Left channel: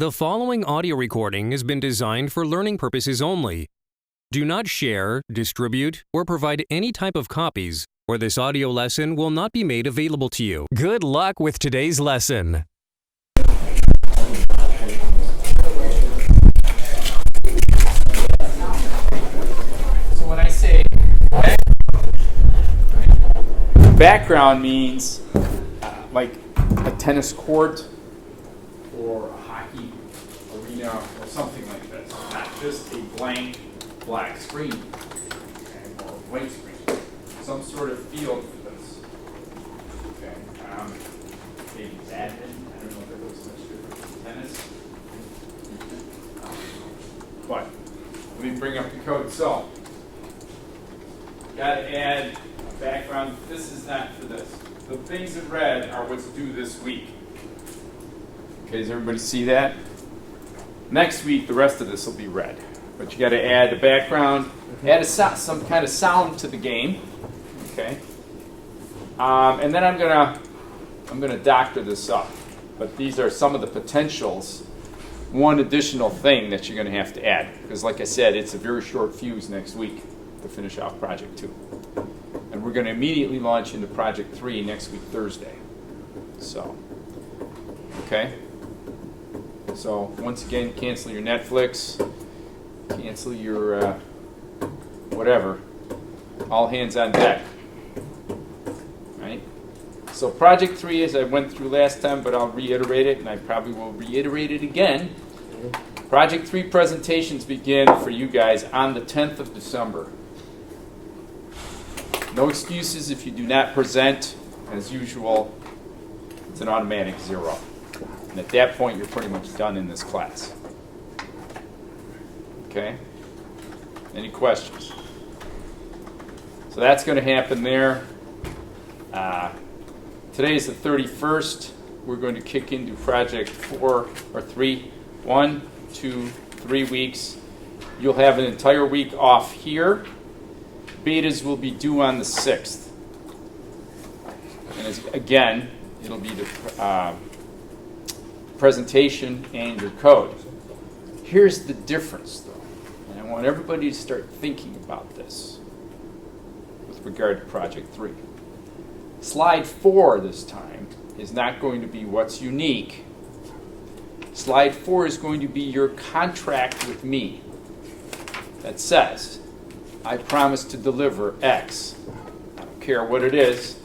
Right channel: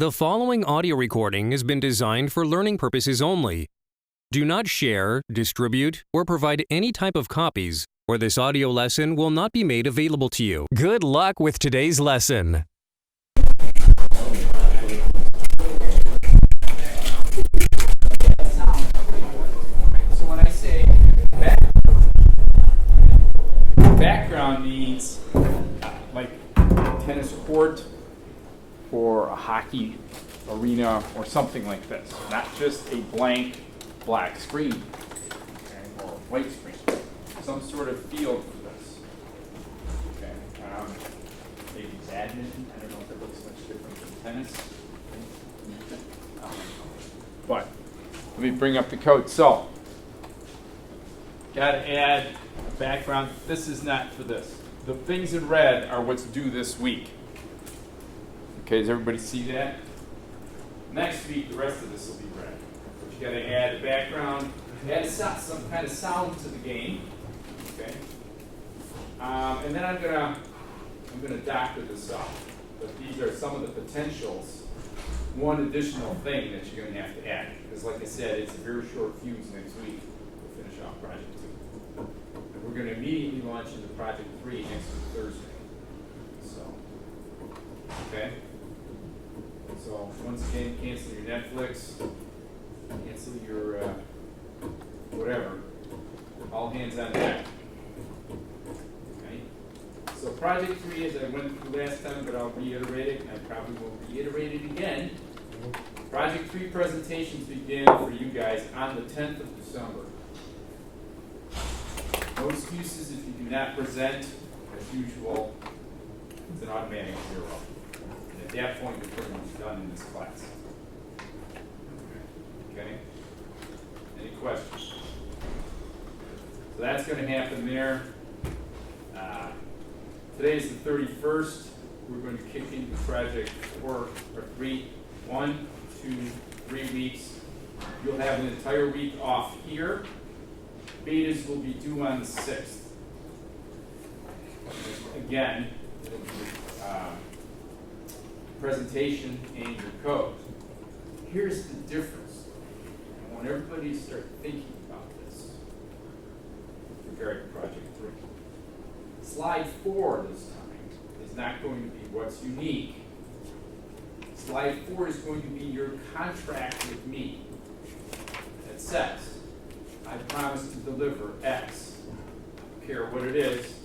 The following audio recording has been designed for learning purposes only. Do not share, distribute, or provide any type of copies, or this audio lesson will not be made available to you. Good luck with today's lesson. So when I say background means like a tennis court or a hockey arena or something like this, not just a blank black screen, okay, or a white screen, some sort of field for this. Okay, maybe badminton. I don't know if it looks much different from tennis, but let me bring up the code. So, got to add a background. This is not for this. The things in red are what's due this week. Okay, does everybody see that? Next week, the rest of this will be red. But you got to add a background, add some kind of sound to the game. Okay, and then I'm gonna doctor this up. But these are some of the potentials. One additional thing that you're going to have to add, because like I said, it's a very short fuse next week to finish off Project 2. And we're going to immediately launch into Project 3 next week, Thursday. So, okay. So, once again, cancel your Netflix, cancel your whatever. All hands on deck. Right? So, Project 3, as I went through last time, but I'll reiterate it, and I probably will reiterate it again. Project 3 presentations begin for you guys on the 10th of December. No excuses if you do not present. As usual, it's an automatic 0. And at that point, you're pretty much done in this class. Okay? Any questions? So that's going to happen there. Today is the 31st. We're going to kick into Project 4 or 3. 1, 2, 3 weeks. You'll have an entire week off here. Betas will be due on the 6th. And again, it'll be the presentation and your code. Here's the difference, though. And I want everybody to start thinking about this with regard to Project 3. Slide 4 this time is not going to be what's unique. Slide 4 is going to be your contract with me that says, I promise to deliver X. I don't care what it is.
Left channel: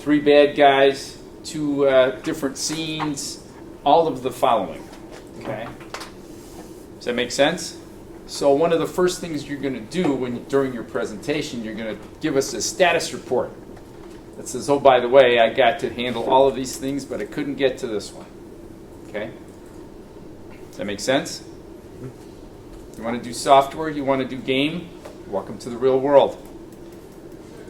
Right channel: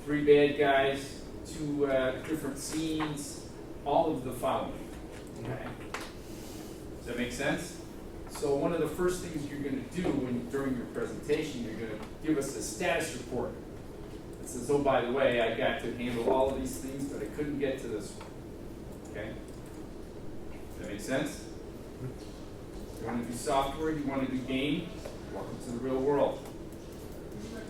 3 bad guys, 2 different scenes, all of the following. Okay? Does that make sense? So one of the first things you're going to do during your presentation, you're going to give us a status report that says, oh, by the way, I got to handle all of these things, but I couldn't get to this one. Okay? Does that make sense? You want to do software? You want to do game? Welcome to the real world.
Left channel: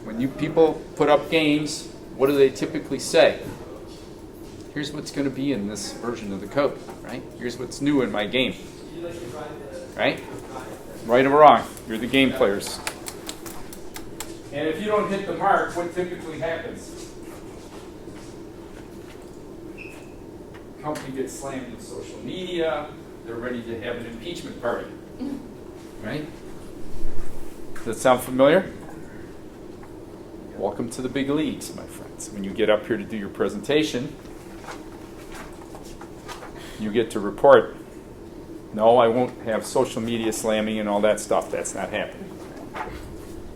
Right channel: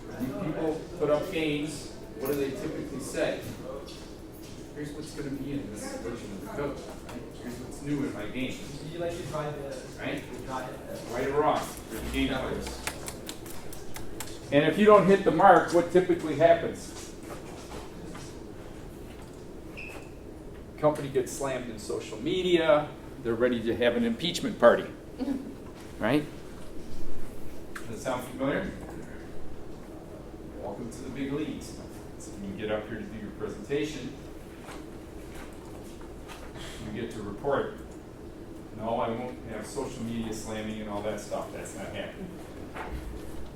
When you people put up games, what do they typically say? Here's what's going to be in this version of the code, right? Here's what's new in my game. Right? Right or wrong, you're the game players. And if you don't hit the mark, what typically happens? The company gets slammed in social media. They're ready to have an impeachment party. Right? Does that sound familiar? Welcome to the big leagues, my friends. When you get up here to do your presentation, you get to report, no, I won't have social media slamming and all that stuff. That's not happening.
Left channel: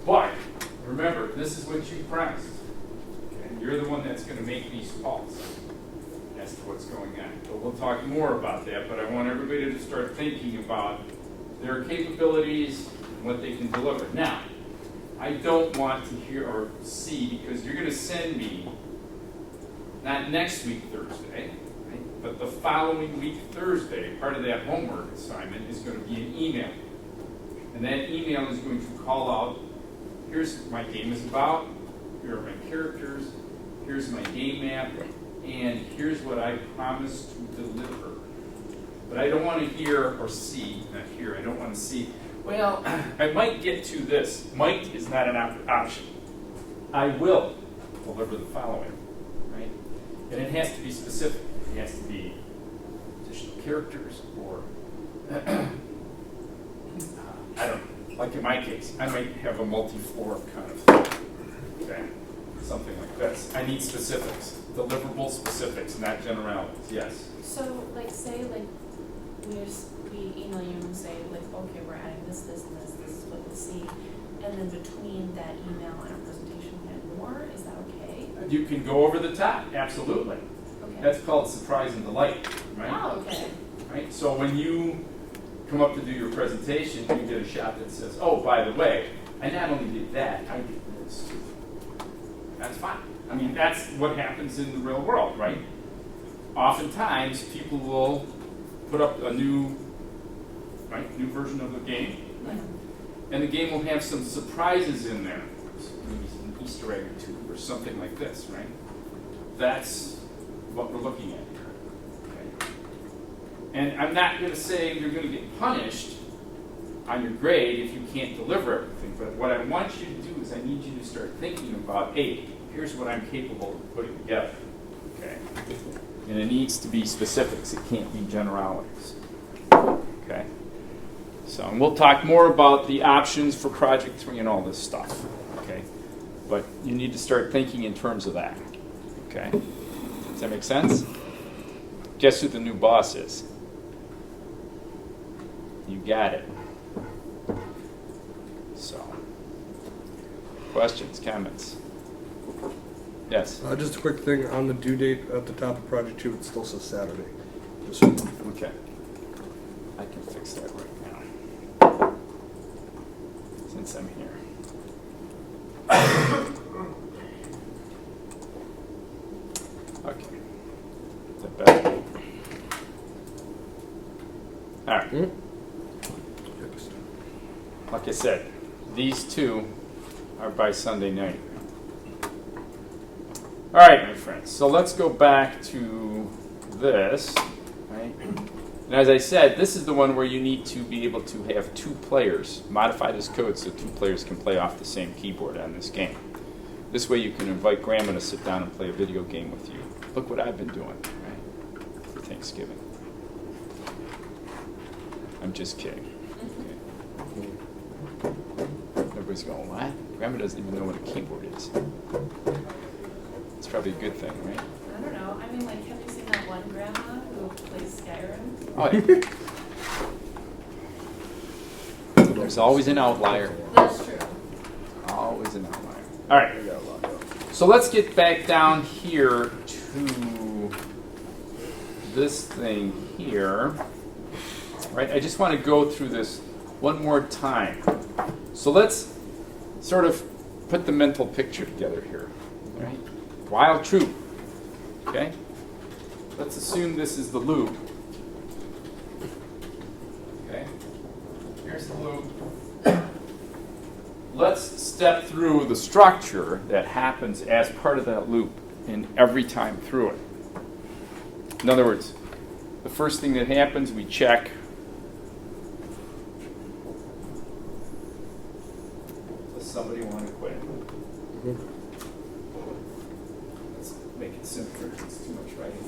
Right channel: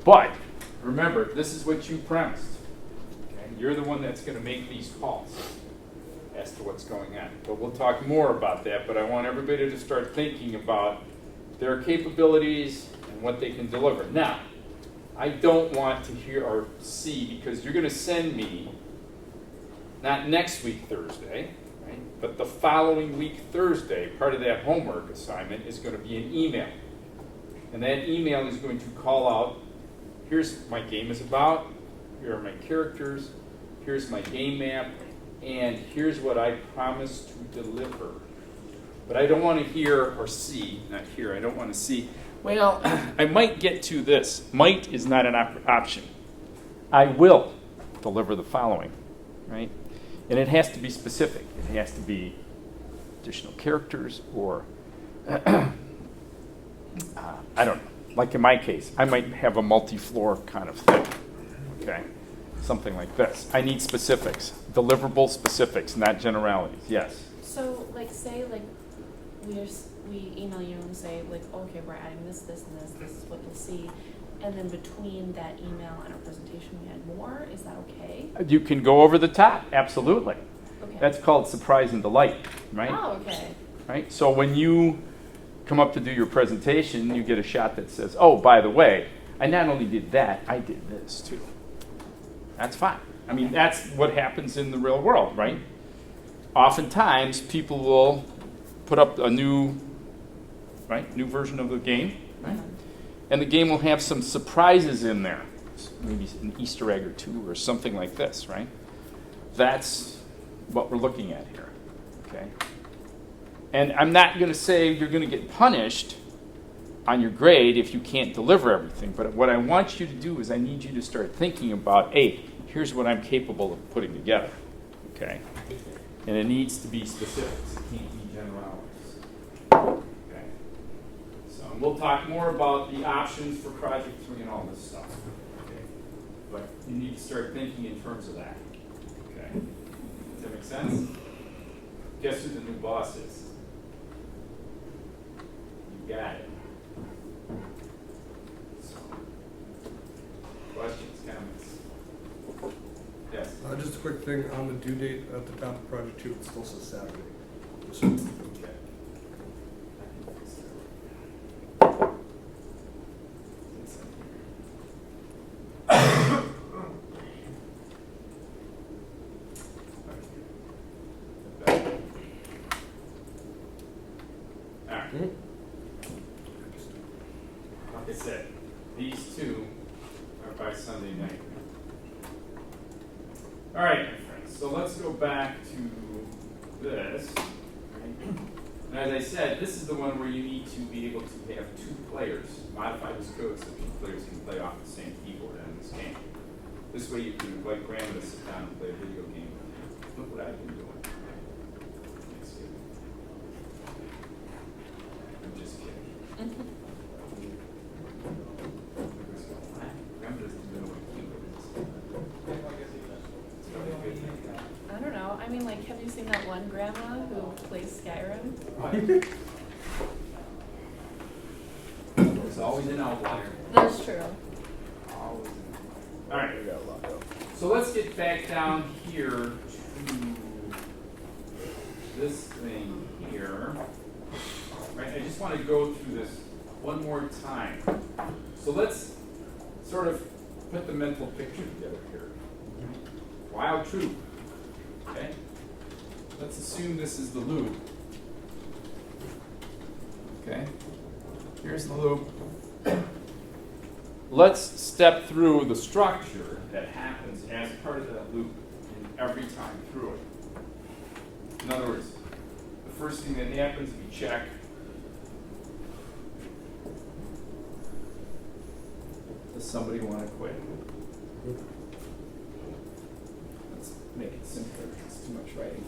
But remember, this is what you promised. Okay? You're the one that's going to make these calls as to what's going on. But we'll talk more about that, but I want everybody to start thinking about their capabilities and what they can deliver. Now, I don't want to hear or see, because you're going to send me, not next week Thursday, right, but the following week Thursday, part of that homework assignment is going to be an email. And that email is going to call out, here's what my game is about, here are my characters, here's my game map, and here's what I promise to deliver. But I don't want to hear or see, not hear, I don't want to see, well, I might get to this. Might is not an option. I will deliver the following, right? And it has to be specific. It has to be additional characters, or I don't know. Like in my case, I might have a multi-floor kind of thing. Okay, something like this. I need specifics, deliverable specifics, not generalities. Yes. So, like, say, like, we email you and say, like, okay, we're adding this, this, and this. This is what you'll see, and then between that email and our presentation, we add more. Is that okay? You can go over the top. Absolutely. Okay. That's called surprise and delight, right? Oh, okay. Right. So when you come up to do your presentation, you get a shot that says, "Oh, by the way, I not only did that, I did this too." That's fine. I mean, that's what happens in the real world, right? Oftentimes, people will put up a new version of the game, right? And the game will have some surprises in there, maybe an Easter egg or two or something like this, right? That's what we're looking at here, okay? And I'm not going to say you're going to get punished on your grade if you can't deliver everything, but what I want you to do is I need you to start thinking about, hey, here's what I'm capable of putting together, okay? And it needs to be specifics. It can't be generalities, okay? So, and we'll talk more about the options for Project 3 and all this stuff, okay? But you need to start thinking in terms of that, okay? Does that make sense? Guess who the new boss is? You got it. So, questions, comments? Yes? Just a quick thing on the due date at the top of Project 2, it still says Saturday. Okay. I can fix that right now. Since I'm here. Okay. Is that better? All right. Like I said, these two are by Sunday night. All right, my friends, so let's go back to this, right? And as I said, this is the one where you need to be able to have two players, modify this code so two players can play off the same keyboard on this game. This way you can invite Grandma to sit down and play a video game with you. Look what I've been doing, right? For Thanksgiving. I'm just kidding. Everybody's going, what? Grandma doesn't even know what a keyboard is. It's probably a good thing, right? I don't know. I mean, like, have you seen that one grandma who plays Skyrim? Oh, yeah. There's always an outlier. That's true. Always an outlier. All right. So let's get back down here to this thing here. Right? I just want to go through this one more time. So let's sort of put the mental picture together here. Right? While true. Okay? Let's assume this is the loop. Okay? Here's the loop. Let's step through the structure that happens as part of that loop and every time through it. In other words, the first thing that happens, we check. Does somebody want to quit? Let's make it simpler. It's too much writing.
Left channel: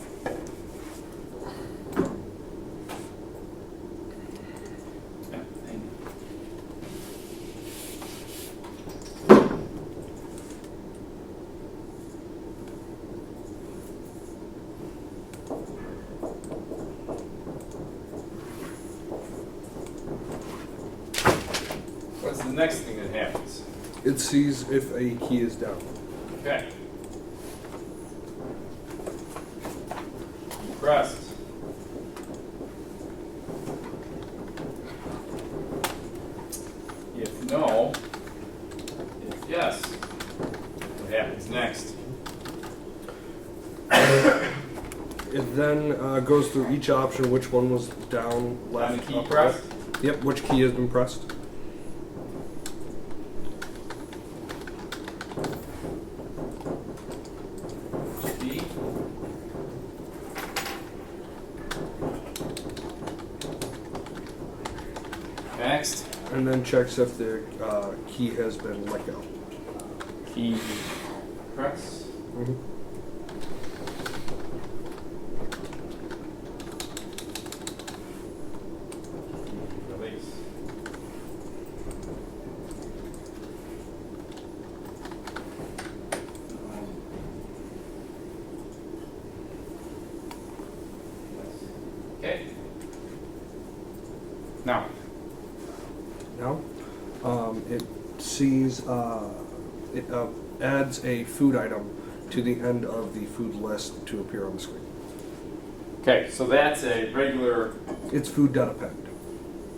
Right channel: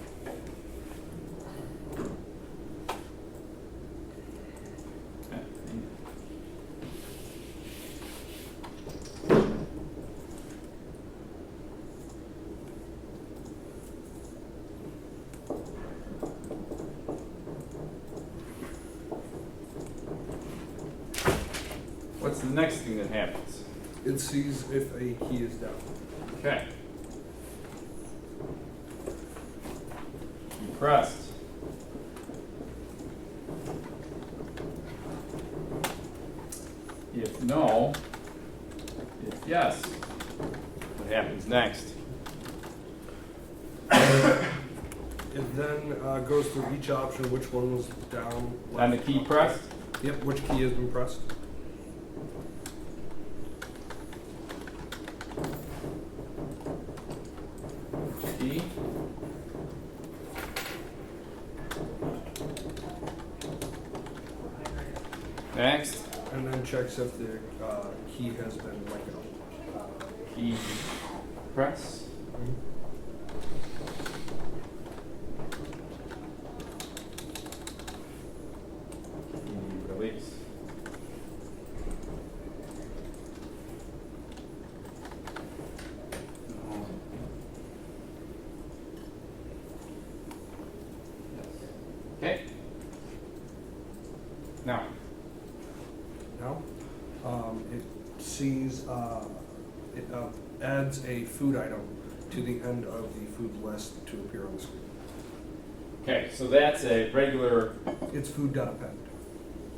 What's the next thing that happens? It sees if a key is down. Okay. Pressed. If no, if yes, what happens next? It then goes through each option, which one was down, left, And the key up, pressed? right. Yep, which key has been pressed. Key. Next. And then checks if the key has been let go. Key press. Now, Now, it sees, it adds a food item to the end of the food list to appear on the screen. okay, so that's a regular, It's food.append.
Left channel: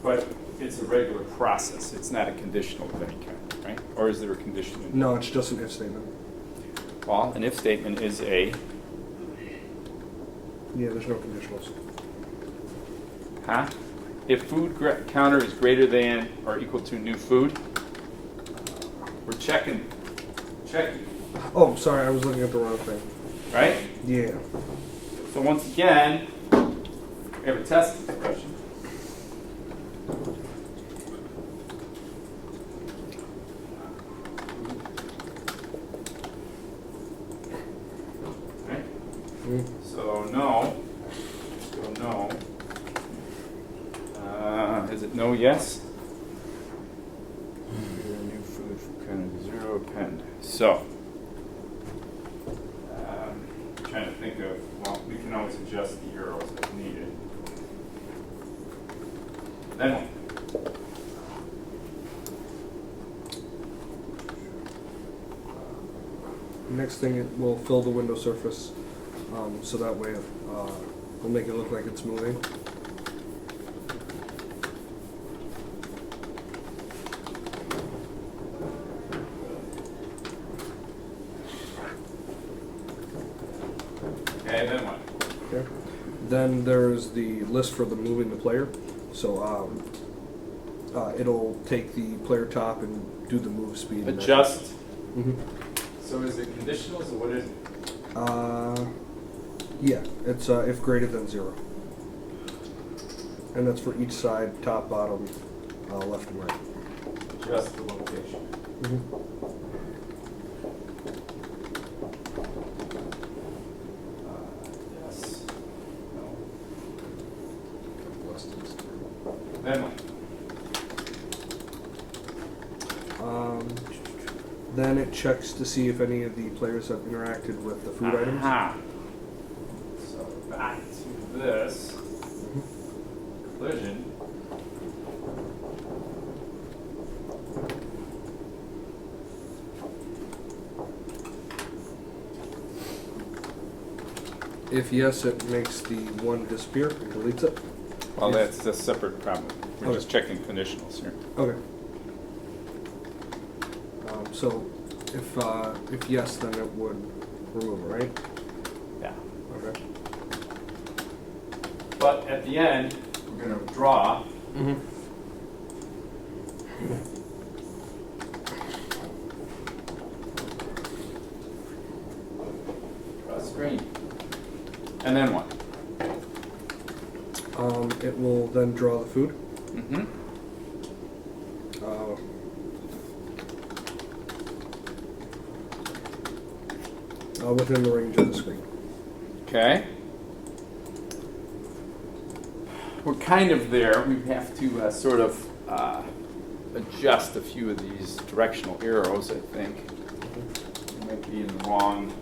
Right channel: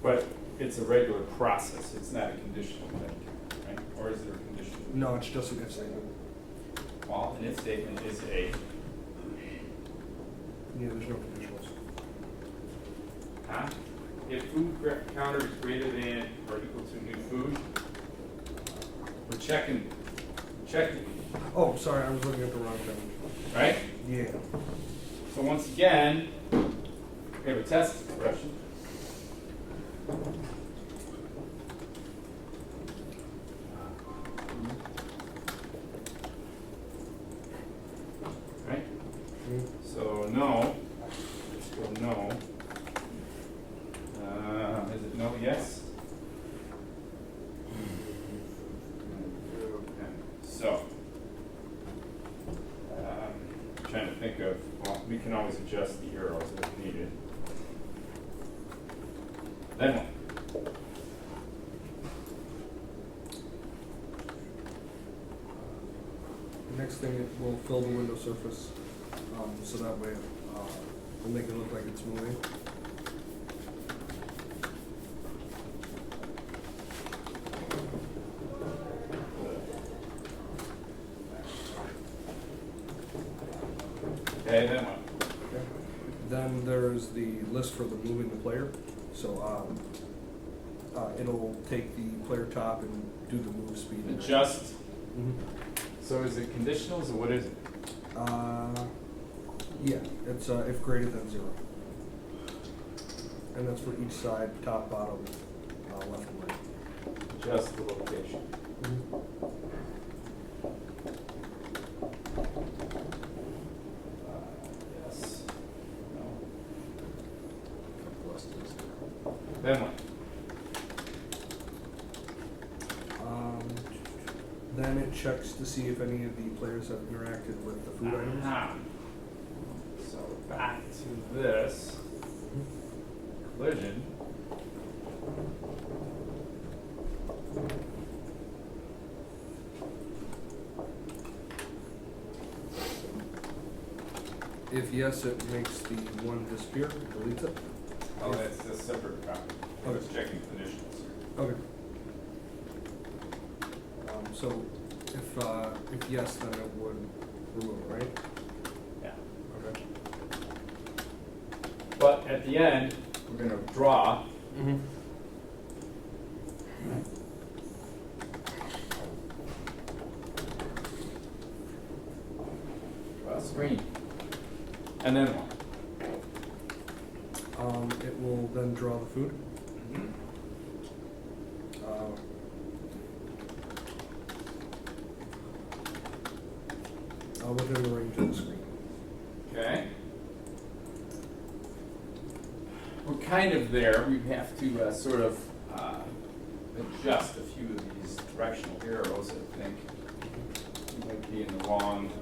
but it's a regular process. It's not a conditional thing, right? Or is there a conditional? No, it's just an if statement. Well, an if statement is a, Yeah, there's no conditionals. huh? If food counter is greater than or equal to new food, we're checking, Oh, sorry, I was looking at the wrong thing. right? Yeah. So once again, we have a test expression. Right? Mm. So no. So no. Is it no, yes? New food for kind of 0 append. So, trying to think of, well, we can always adjust the arrows if needed. Then what? Next thing, it will fill the window surface, so that way it'll make it look like it's moving. Okay, then what? Okay. Then there's the list for the moving the player. So it'll take the player top and do the move speed. Adjust. Mm-hmm. So is it conditional? So what is it? Yeah, it's if greater than 0. And that's for each side, top, bottom, left, and right. Adjust the location. Mm-hmm. Yes. No. Couple less than 0. Then what? Then it checks to see if any of the players have interacted with the food items. Aha. So back to this collision. If yes, it makes the one disappear and deletes it. Well, that's a separate problem. We're Okay. just checking conditionals here. Okay. So if yes, then it would remove it, right? Yeah. Okay. But at the end, we're going to draw. Mm-hmm. Draw a screen. And then what? It will then draw the food. Mm-hmm. Within the range of the screen. Okay. We're kind of there. We have to sort of adjust a few of these directional arrows, I think. We might be in the wrong,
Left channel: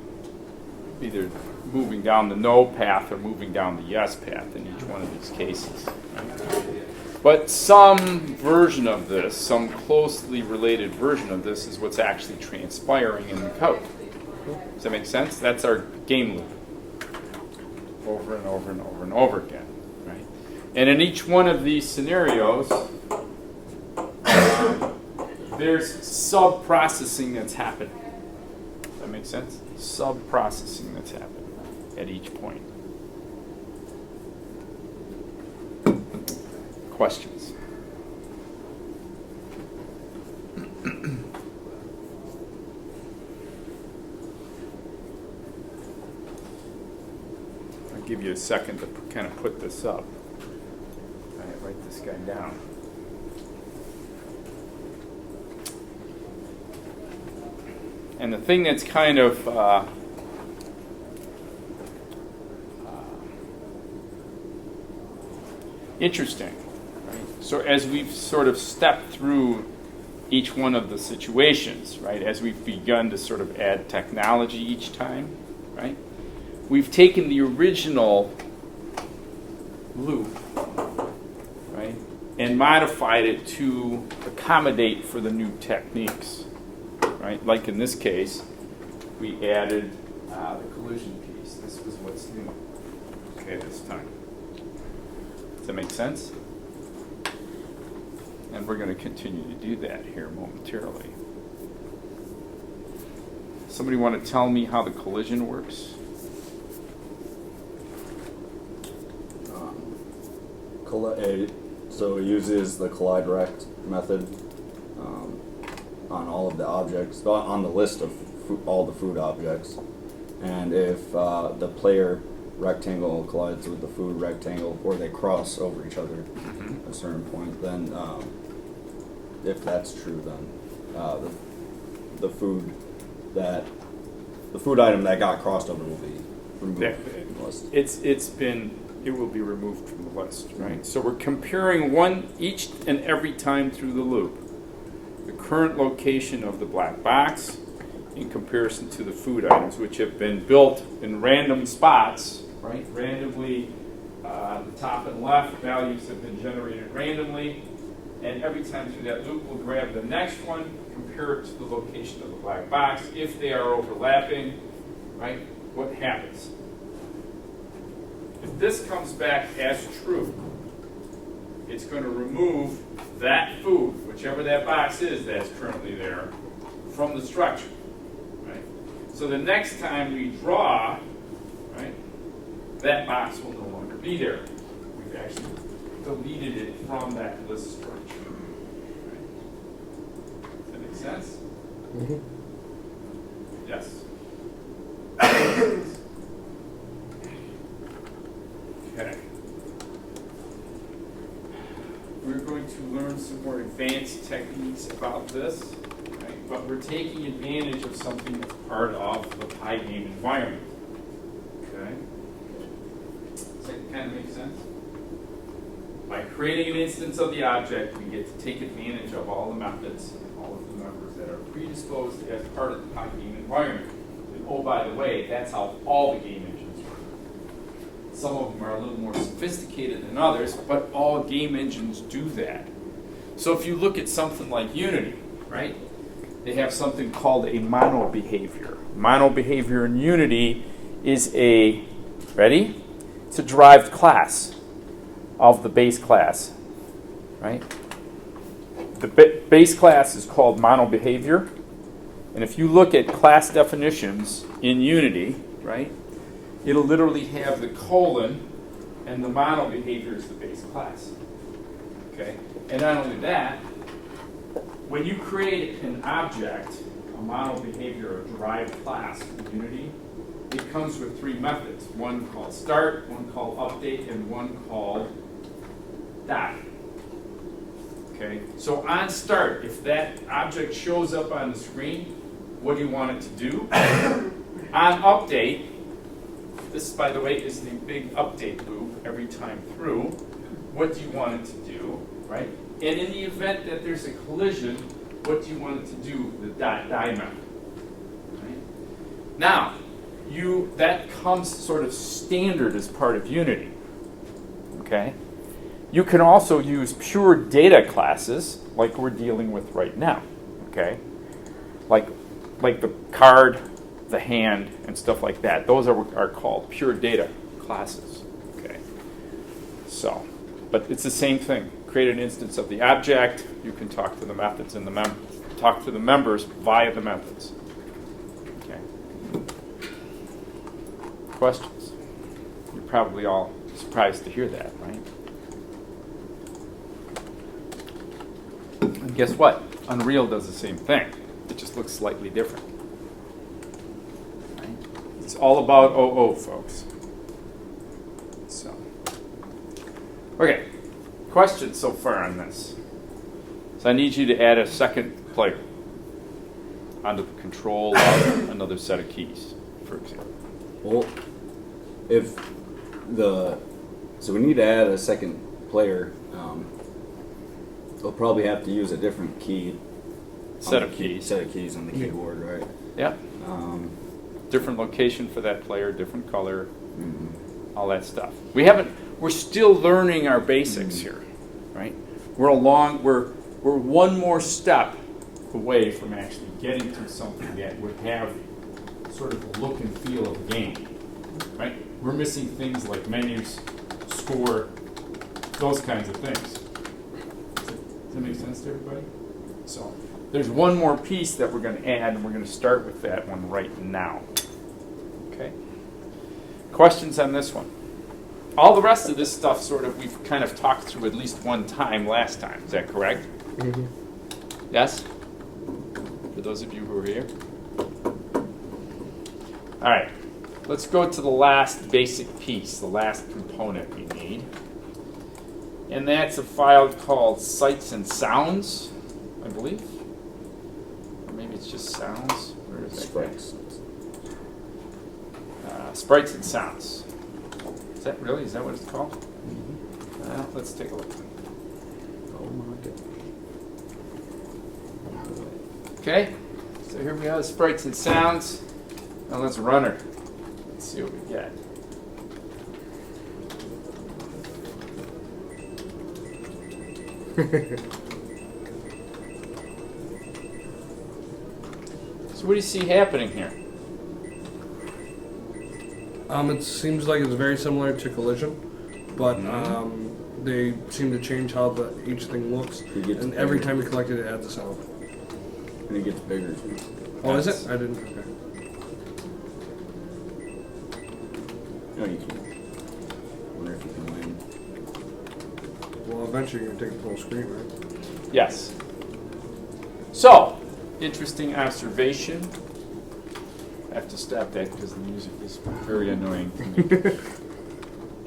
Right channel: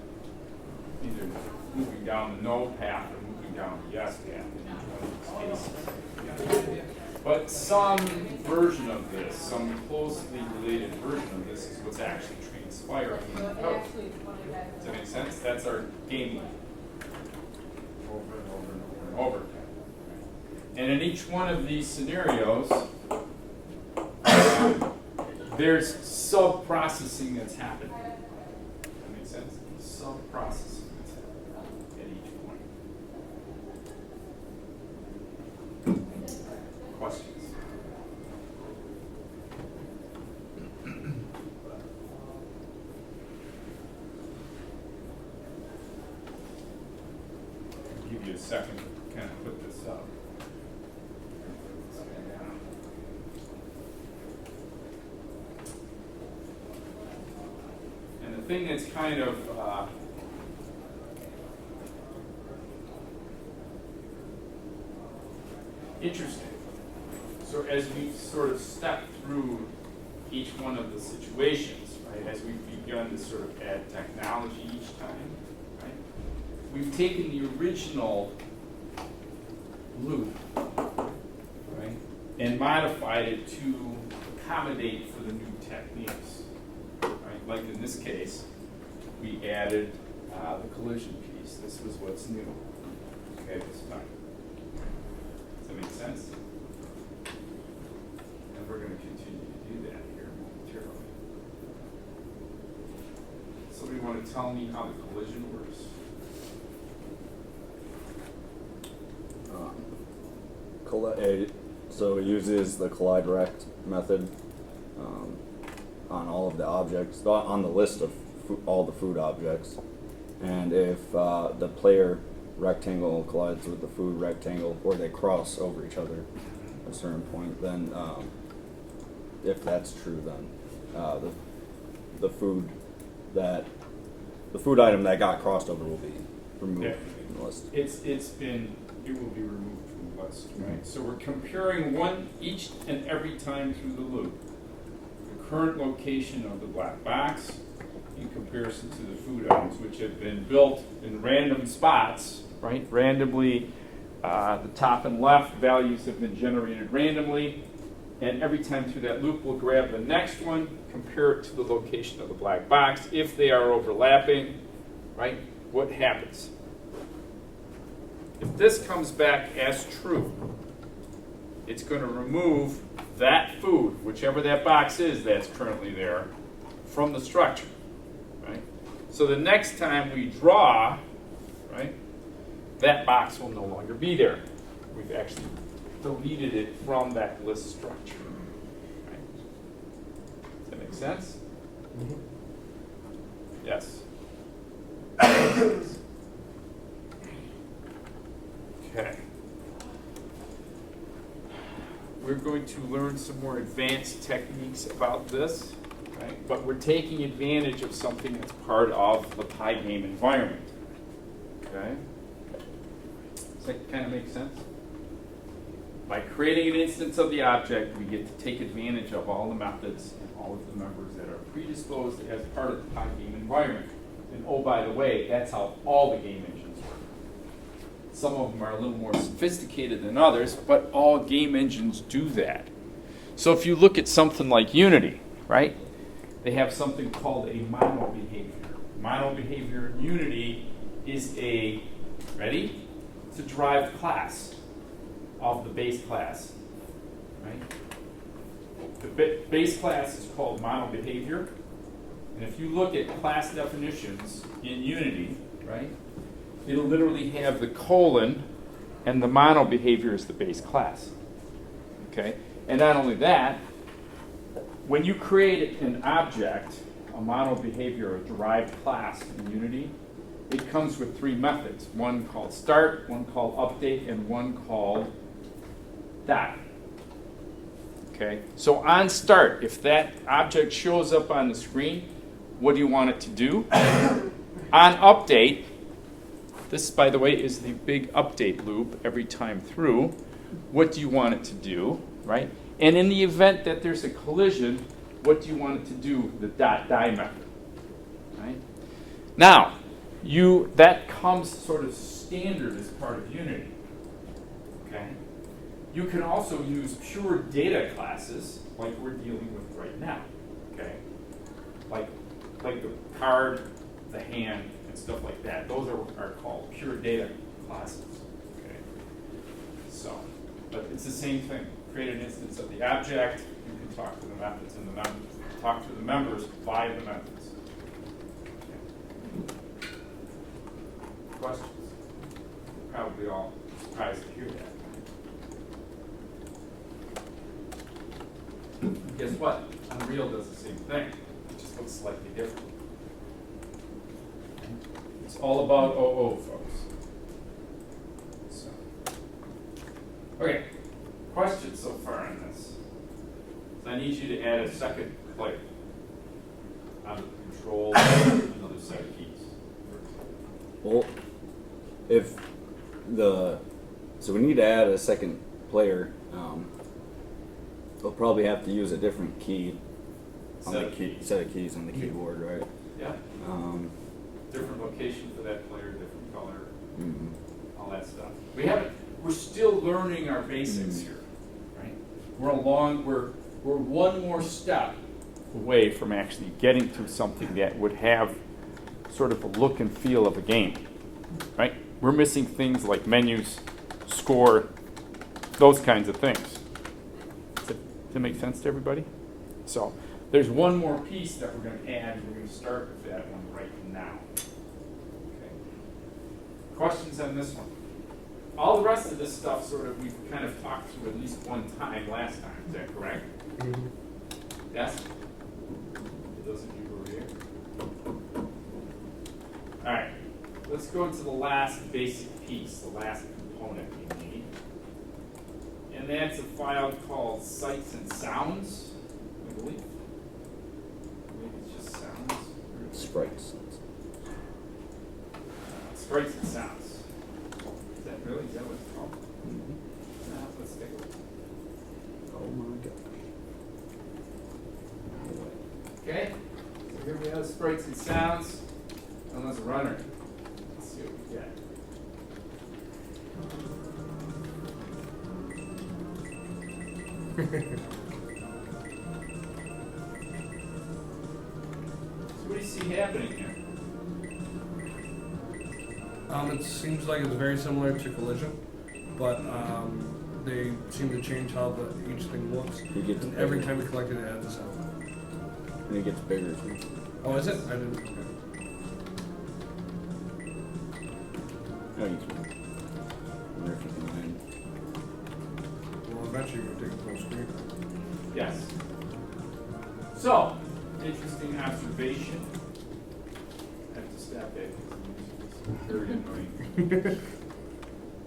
either moving down the no path or moving down the yes path in each one of these cases. But some version of this, some closely related version of this is what's actually transpiring in the code. Does that make sense? That's our game loop. Over and over and over and over again. Right? And in each one of these scenarios, there's sub-processing that's happening. Does that make sense? Sub-processing that's happening at each point. Questions? I'll give you a second to kind of put this up. I write this guy down. And the thing that's kind of interesting. So as we've sort of stepped through each one of the situations, right, as we've begun to sort of add technology each time, right, we've taken the original loop, right, and modified it to accommodate for the new techniques, right? Like in this case, we added the collision piece. This was what's new, okay, this time. Does that make sense? And we're going to continue to do that here momentarily. Somebody want to tell me how the collision works? So it uses the collide rect method on all of the objects, on the list of all the food objects. And if the player rectangle collides with the food rectangle, or they cross over each other at a certain point, then if that's true, then the food item that got crossed over will be removed from the list. It will be removed from the list, right? So we're comparing each and every time through the loop, the current location of the black box in comparison to the food items, which have been built in random spots, right? Randomly, the top and left values have been generated randomly, and every time through that loop, we'll grab the next one, compare it to the location of the black box. If they are overlapping, right, what happens? If this comes back as true, it's going to remove that food, whichever that box is that's currently there, from the structure, right? So the next time we draw, right, that box will no longer be there. We've actually deleted it from that list structure. Right? Does that make sense? Mm-hmm. Yes. Okay. We're going to learn some more advanced techniques about this, right? But we're taking advantage of something that's part of the Pygame environment. Okay? Does that kind of make sense? By creating an instance of the object, we get to take advantage of all the methods and all of the members that are predisposed as part of the Pygame environment. And oh, by the way, that's how all the game engines work. Some of them are a little more sophisticated than others, but all game engines do that. So if you look at something like Unity, right, they have something called a mono behavior. Mono behavior in Unity is ready? It's a derived class of the base class, right? The base class is called mono behavior. And if you look at class definitions in Unity, right, it'll literally have the colon and the mono behavior is the base class. Okay? And not only that, when you create an object, a mono behavior, a derived class in Unity, it comes with three methods. One called start, one called update, and one called dot. Okay? So on start, if that object shows up on the screen, what do you want it to do? On update, this, by the way, is the big update loop every time through. What do you want it to do, right? And in the event that there's a collision, what do you want it to do? The .die method, right? Now, that comes sort of standard as part of Unity, okay? You can also use pure data classes like we're dealing with right now, okay? Like the card, the hand, and stuff like that. Those are called pure data classes, okay? So, but it's the same thing. Create an instance of the object. You can talk to the methods and talk to the members via the methods. Okay. Questions? You're probably all surprised to hear that, right? And guess what? Unreal does the same thing. It just looks slightly different. Right? It's all about OO, folks. So, okay. Questions so far on this? So I need you to add a second player onto the control of another set of keys, for example. Well, so we need to add a second player. We'll probably have to use a different key. Set of keys on the keyboard, right? Yeah. Different location for that player, different color, all that stuff. We're still learning our basics here, right? We're one more step away from actually getting to something that would have sort of the look and feel of a game, right? We're missing things like menus, score, those kinds of things. Does that make sense to everybody? So there's one more piece that we're going to add, and we're going to start with that one right now. Okay. Questions on this one? All the rest of this stuff sort of we've kind of talked through at least one time last time. Is that correct? Mm-hmm. Yes? For those of you who are here. All right. Let's go to the last basic piece, the last component we need. And that's a file called Sights and Sounds, I believe. Maybe it's just sounds. Where is that? Sprites. Sprites and Sounds. Is that what it's called? Mm-hmm. Let's take a look. Oh my god. Okay, so here we have Sprites and Sounds. Now let's run her. Let's see what we get. So what do you see happening here? It seems like it's very similar to Collision, but they seem to change how each thing looks. And every time you collect it, it adds a sound. And it gets bigger too. Oh, is it? I didn't. Okay. No, you can. Wonder if you can win. Well, eventually you're gonna take the whole screen, right? Yes. So, interesting observation. I have to stop that because the music is very annoying to me.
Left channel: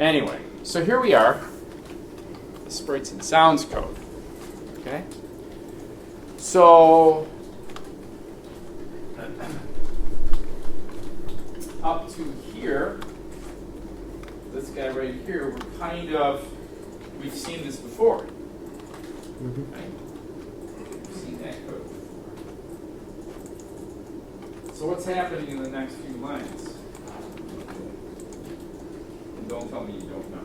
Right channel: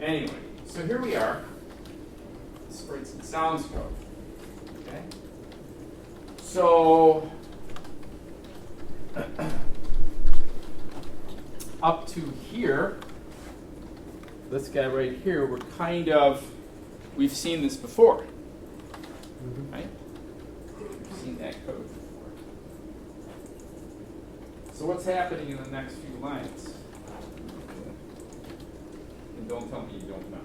Anyway, so here we are. Sprites and Sounds code. Okay? So, up to here, this guy right here, we've seen this before. Mm-hmm. Right? We've seen that code before. So what's happening in the next few lines? And don't tell me you don't know.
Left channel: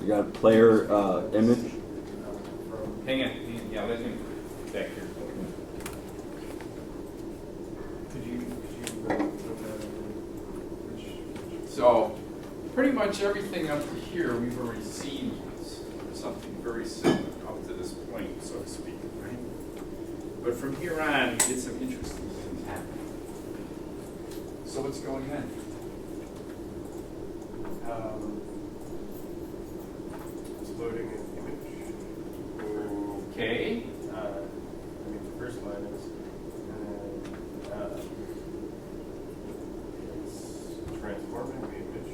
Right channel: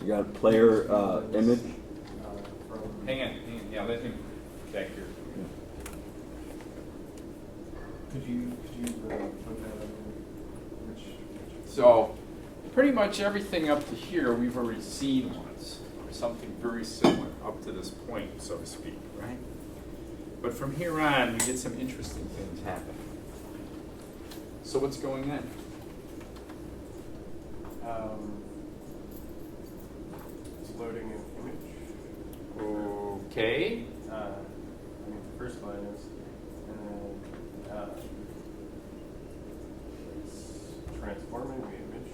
You got player image. Hang on. Yeah, let him back here. Could you put that which So pretty much everything up to here we've already seen something very similar up to this point, so to speak, right? But from here on, we get some interesting things happening. So what's going on? it's loading an image? Okay. I mean, the first line is, and then it's transforming the image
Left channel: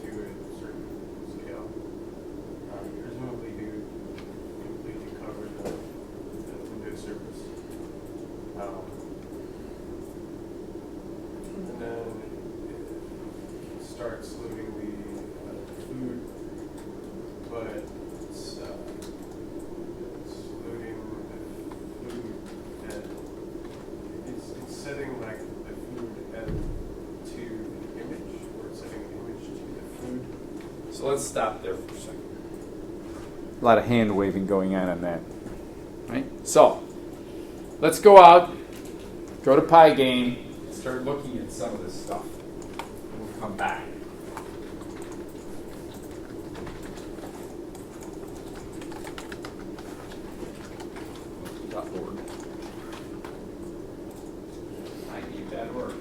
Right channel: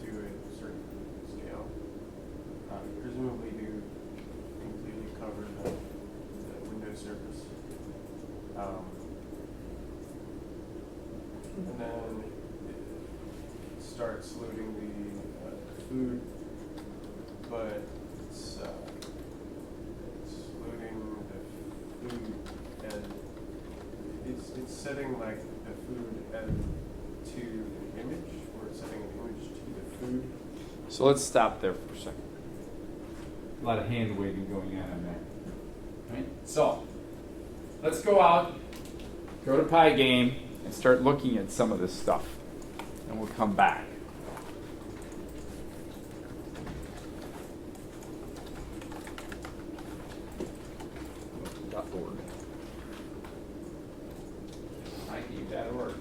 to a certain scale. Presumably to completely cover the window surface. And then it starts loading the food, but it's loading the food and it's setting like the food to an image, or it's setting an image to the food. So let's stop there for a second. A lot of hand waving going on that. Right? So let's go out, go to Pygame, and start looking at some of this stuff. And we'll come back. .org. Pygame.org.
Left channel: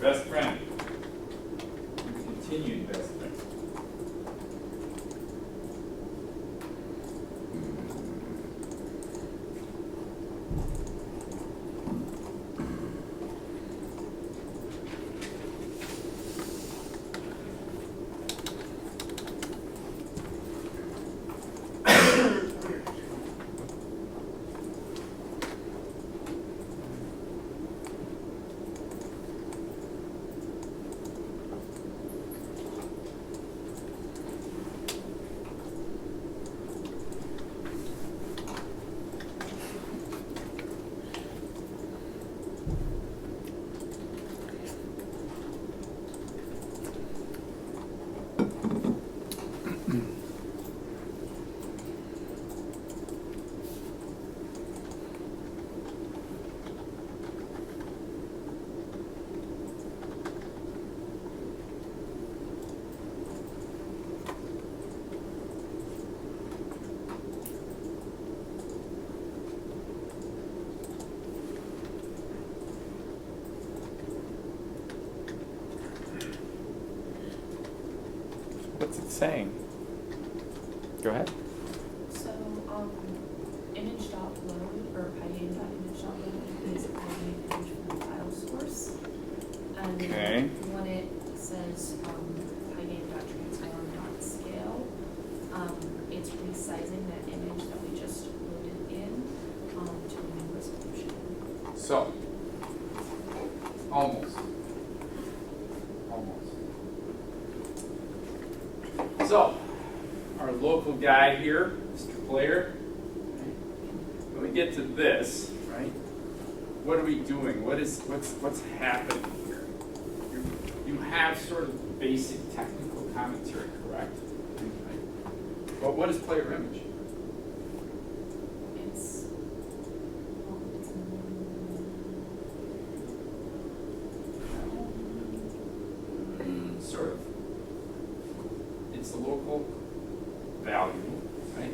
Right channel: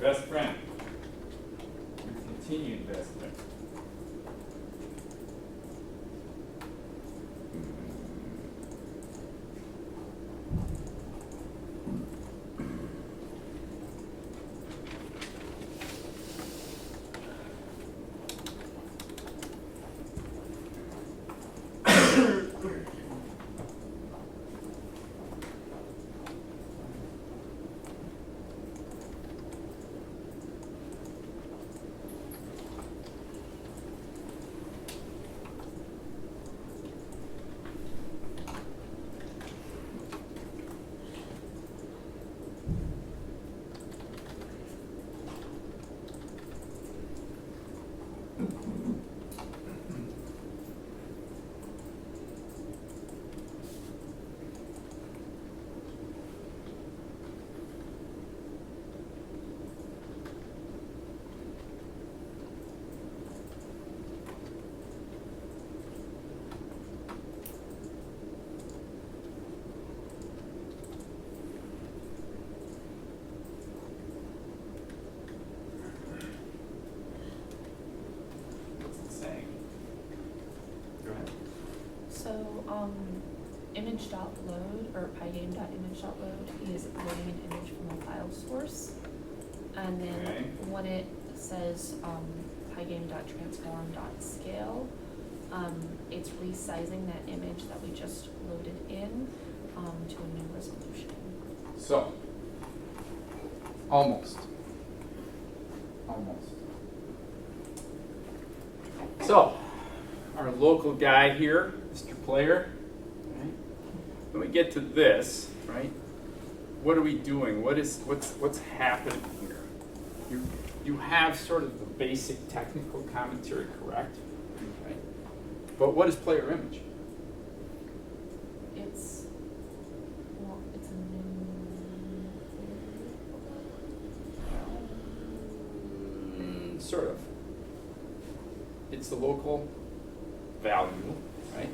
Best friend. Your continued best friend. What's it saying? Go ahead. So, image.load or pygame.image.load is loading an image from the file source. And Okay. then when it says pygame.transform.scale, it's resizing that image that we just loaded in to a new resolution. So, almost. So, our local guy here, Mr. Player, when we get to this, right? What are we doing? What's happening here? You have sort of basic technical commentary, correct? Right. But what is player image? It's, well, it's Sort of. It's the local value, right?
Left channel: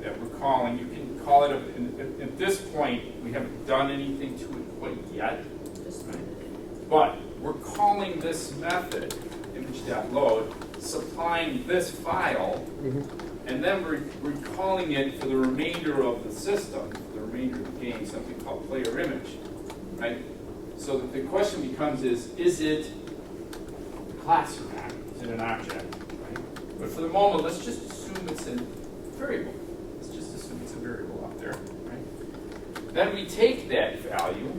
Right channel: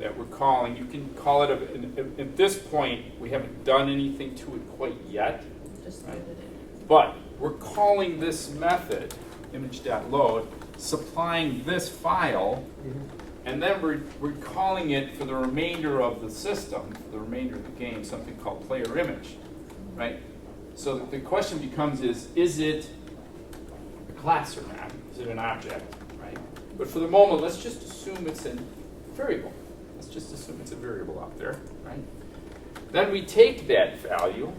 That we're calling. You can call it at this point, we haven't done anything to it quite yet. just loaded it. But we're calling this method, image.load, supplying this file, and then we're calling it for the remainder of the system, for the remainder of the game, something called player image, right? So the question becomes is it a class or not? Is it an object, right? But for the moment, let's just assume it's a variable. Let's just assume it's a variable out there, right? Then we take that value,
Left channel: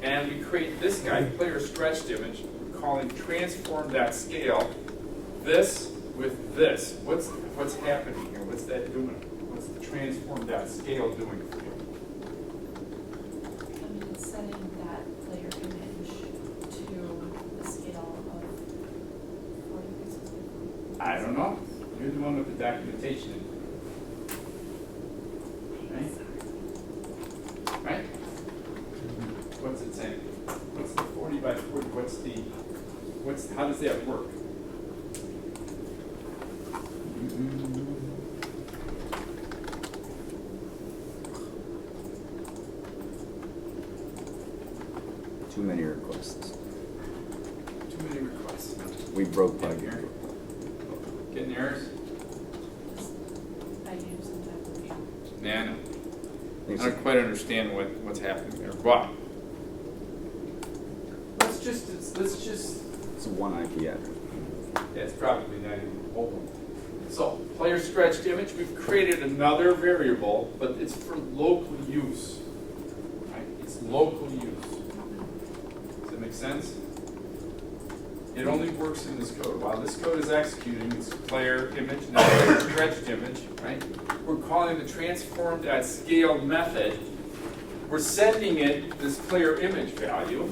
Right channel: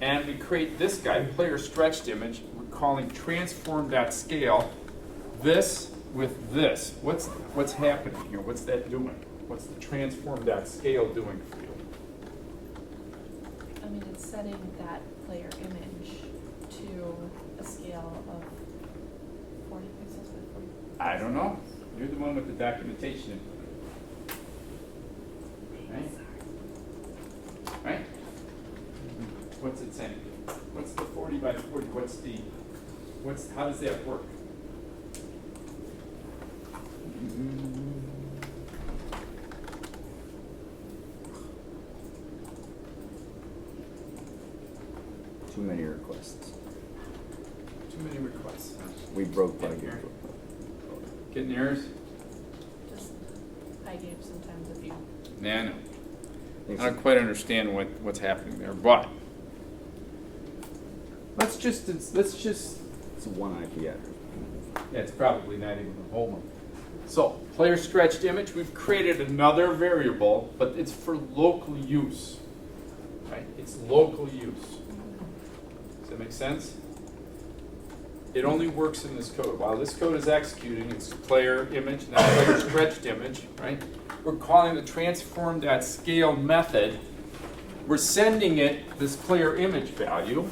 and we create this guy, player stretched image. We're calling transform.scale this with this. What's happening here? What's that doing? What's the transform.scale doing for you? I mean, it's setting that player image to a scale of 40 pixels by 40. I don't know. You're the one with the documentation in front of you. Right? Right? What's it saying? What's the 40 by 40? How does that work? Too many requests. Too many requests. We broke Yeah, Pygame. here. Getting errors? Just Pygame sometimes with you. Nah, no. I Thanks. don't quite understand what's happening there, but let's just It's one IP address. yeah, it's probably not even the whole one. So player stretched image, we've created another variable, but it's for local use. Right? It's local use. Does that make sense? It only works in this code. While this code is executing, it's player image, not player stretched image, right? We're calling the transform.scale method. We're sending it this player image value,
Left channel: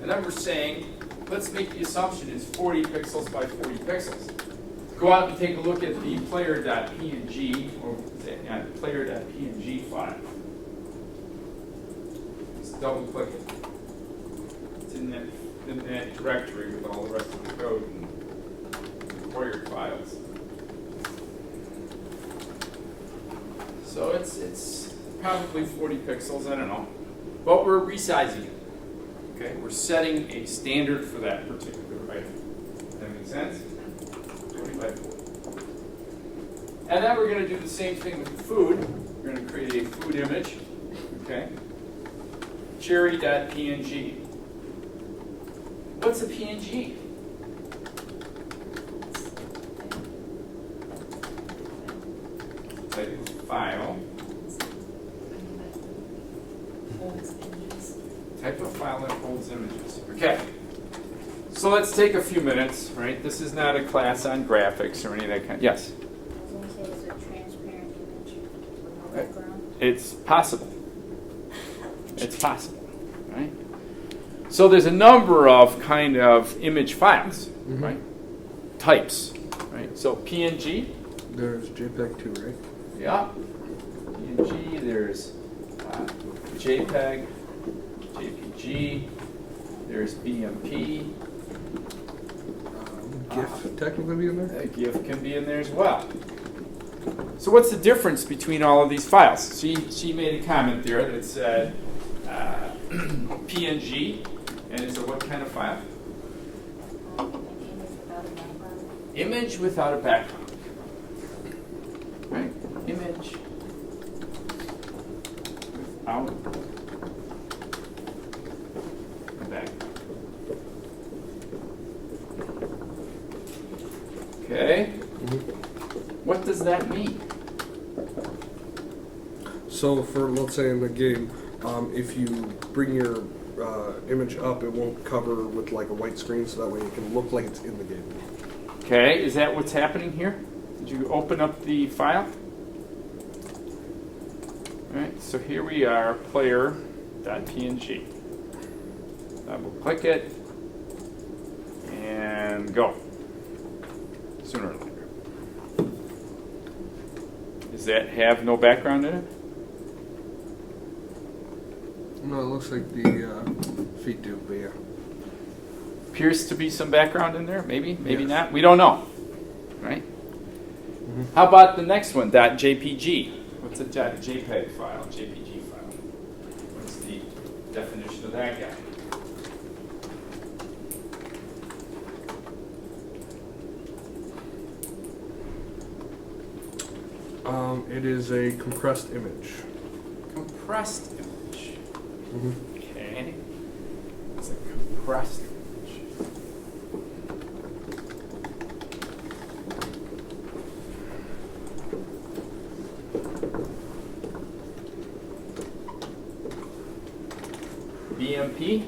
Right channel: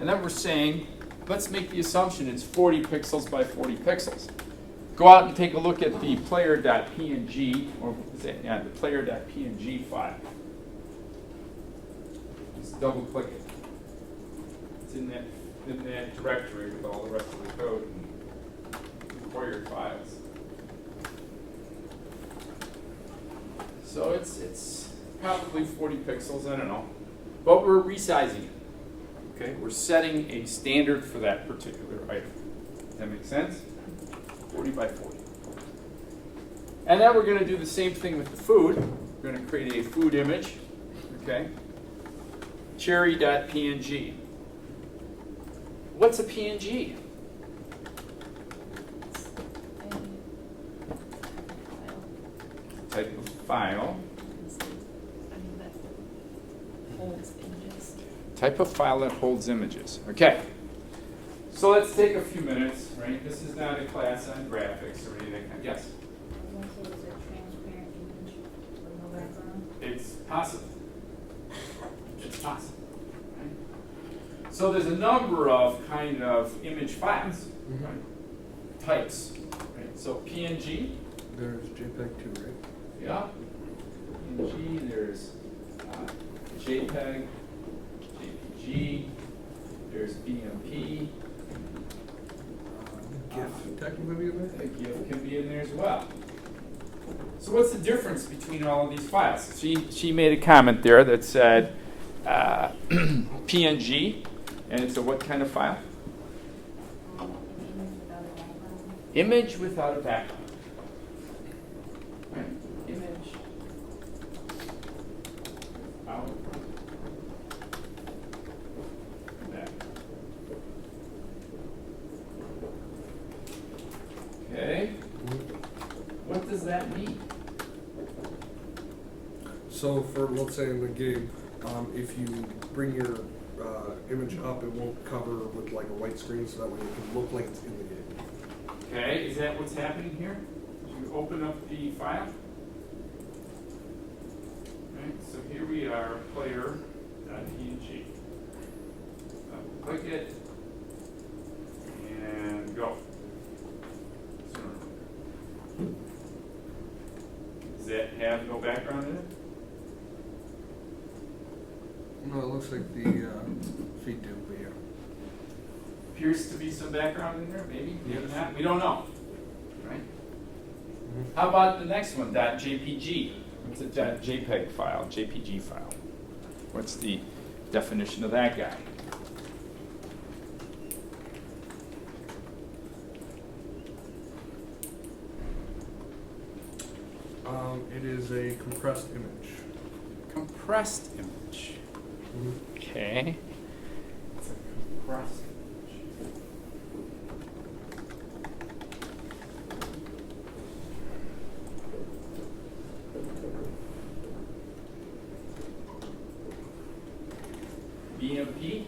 and then we're saying, let's make the assumption it's 40 pixels by 40 pixels. Go out and take a look at the player.png, or the player.png file. Just double click it. It's in that directory with all the rest of the code and required files. So it's probably 40 pixels, I don't know. But we're resizing it. Okay, we're setting a standard for that particular item. That makes sense? 40 by 40. And then we're going to do the same thing with the food. We're going to create a food image. Okay. Cherry.png. What's a PNG? Type of file. I mean, that holds images. Type of file that holds images. Okay. So let's take a few minutes, right? This is not a class on graphics or any of that kind. Yes? I was going to say, is it a transparent image with no background? It's possible. It's possible, right? So there's a number of kind of image files, right? Types, right? So PNG, There's JPEG too, right? yeah. PNG, there's JPEG, JPG, there's BMP. GIF technically be in there? That GIF can be in there as well. So what's the difference between all of these files? She made a comment there that said PNG, and it's a what kind of file? An image without a background? Image without a background. Right? Image without a background. Okay. What does that mean? So for, let's say in the game, if you bring your image up, it won't cover with like a white screen, so that way it can look like it's in the game. Okay, is that what's happening here? Did you open up the file? All right, so here we are, player.png. I will click it and go. Sooner or later. Does that have no background in it? No, it looks like the feet do, but yeah. Appears to be some background in there, maybe, maybe Yes. not. We don't know, right? How about the next one, .jpg? What's a .jpeg file, JPG file? What's the definition of that guy? It is a compressed image. Compressed image. Okay. It's a compressed image. BMP.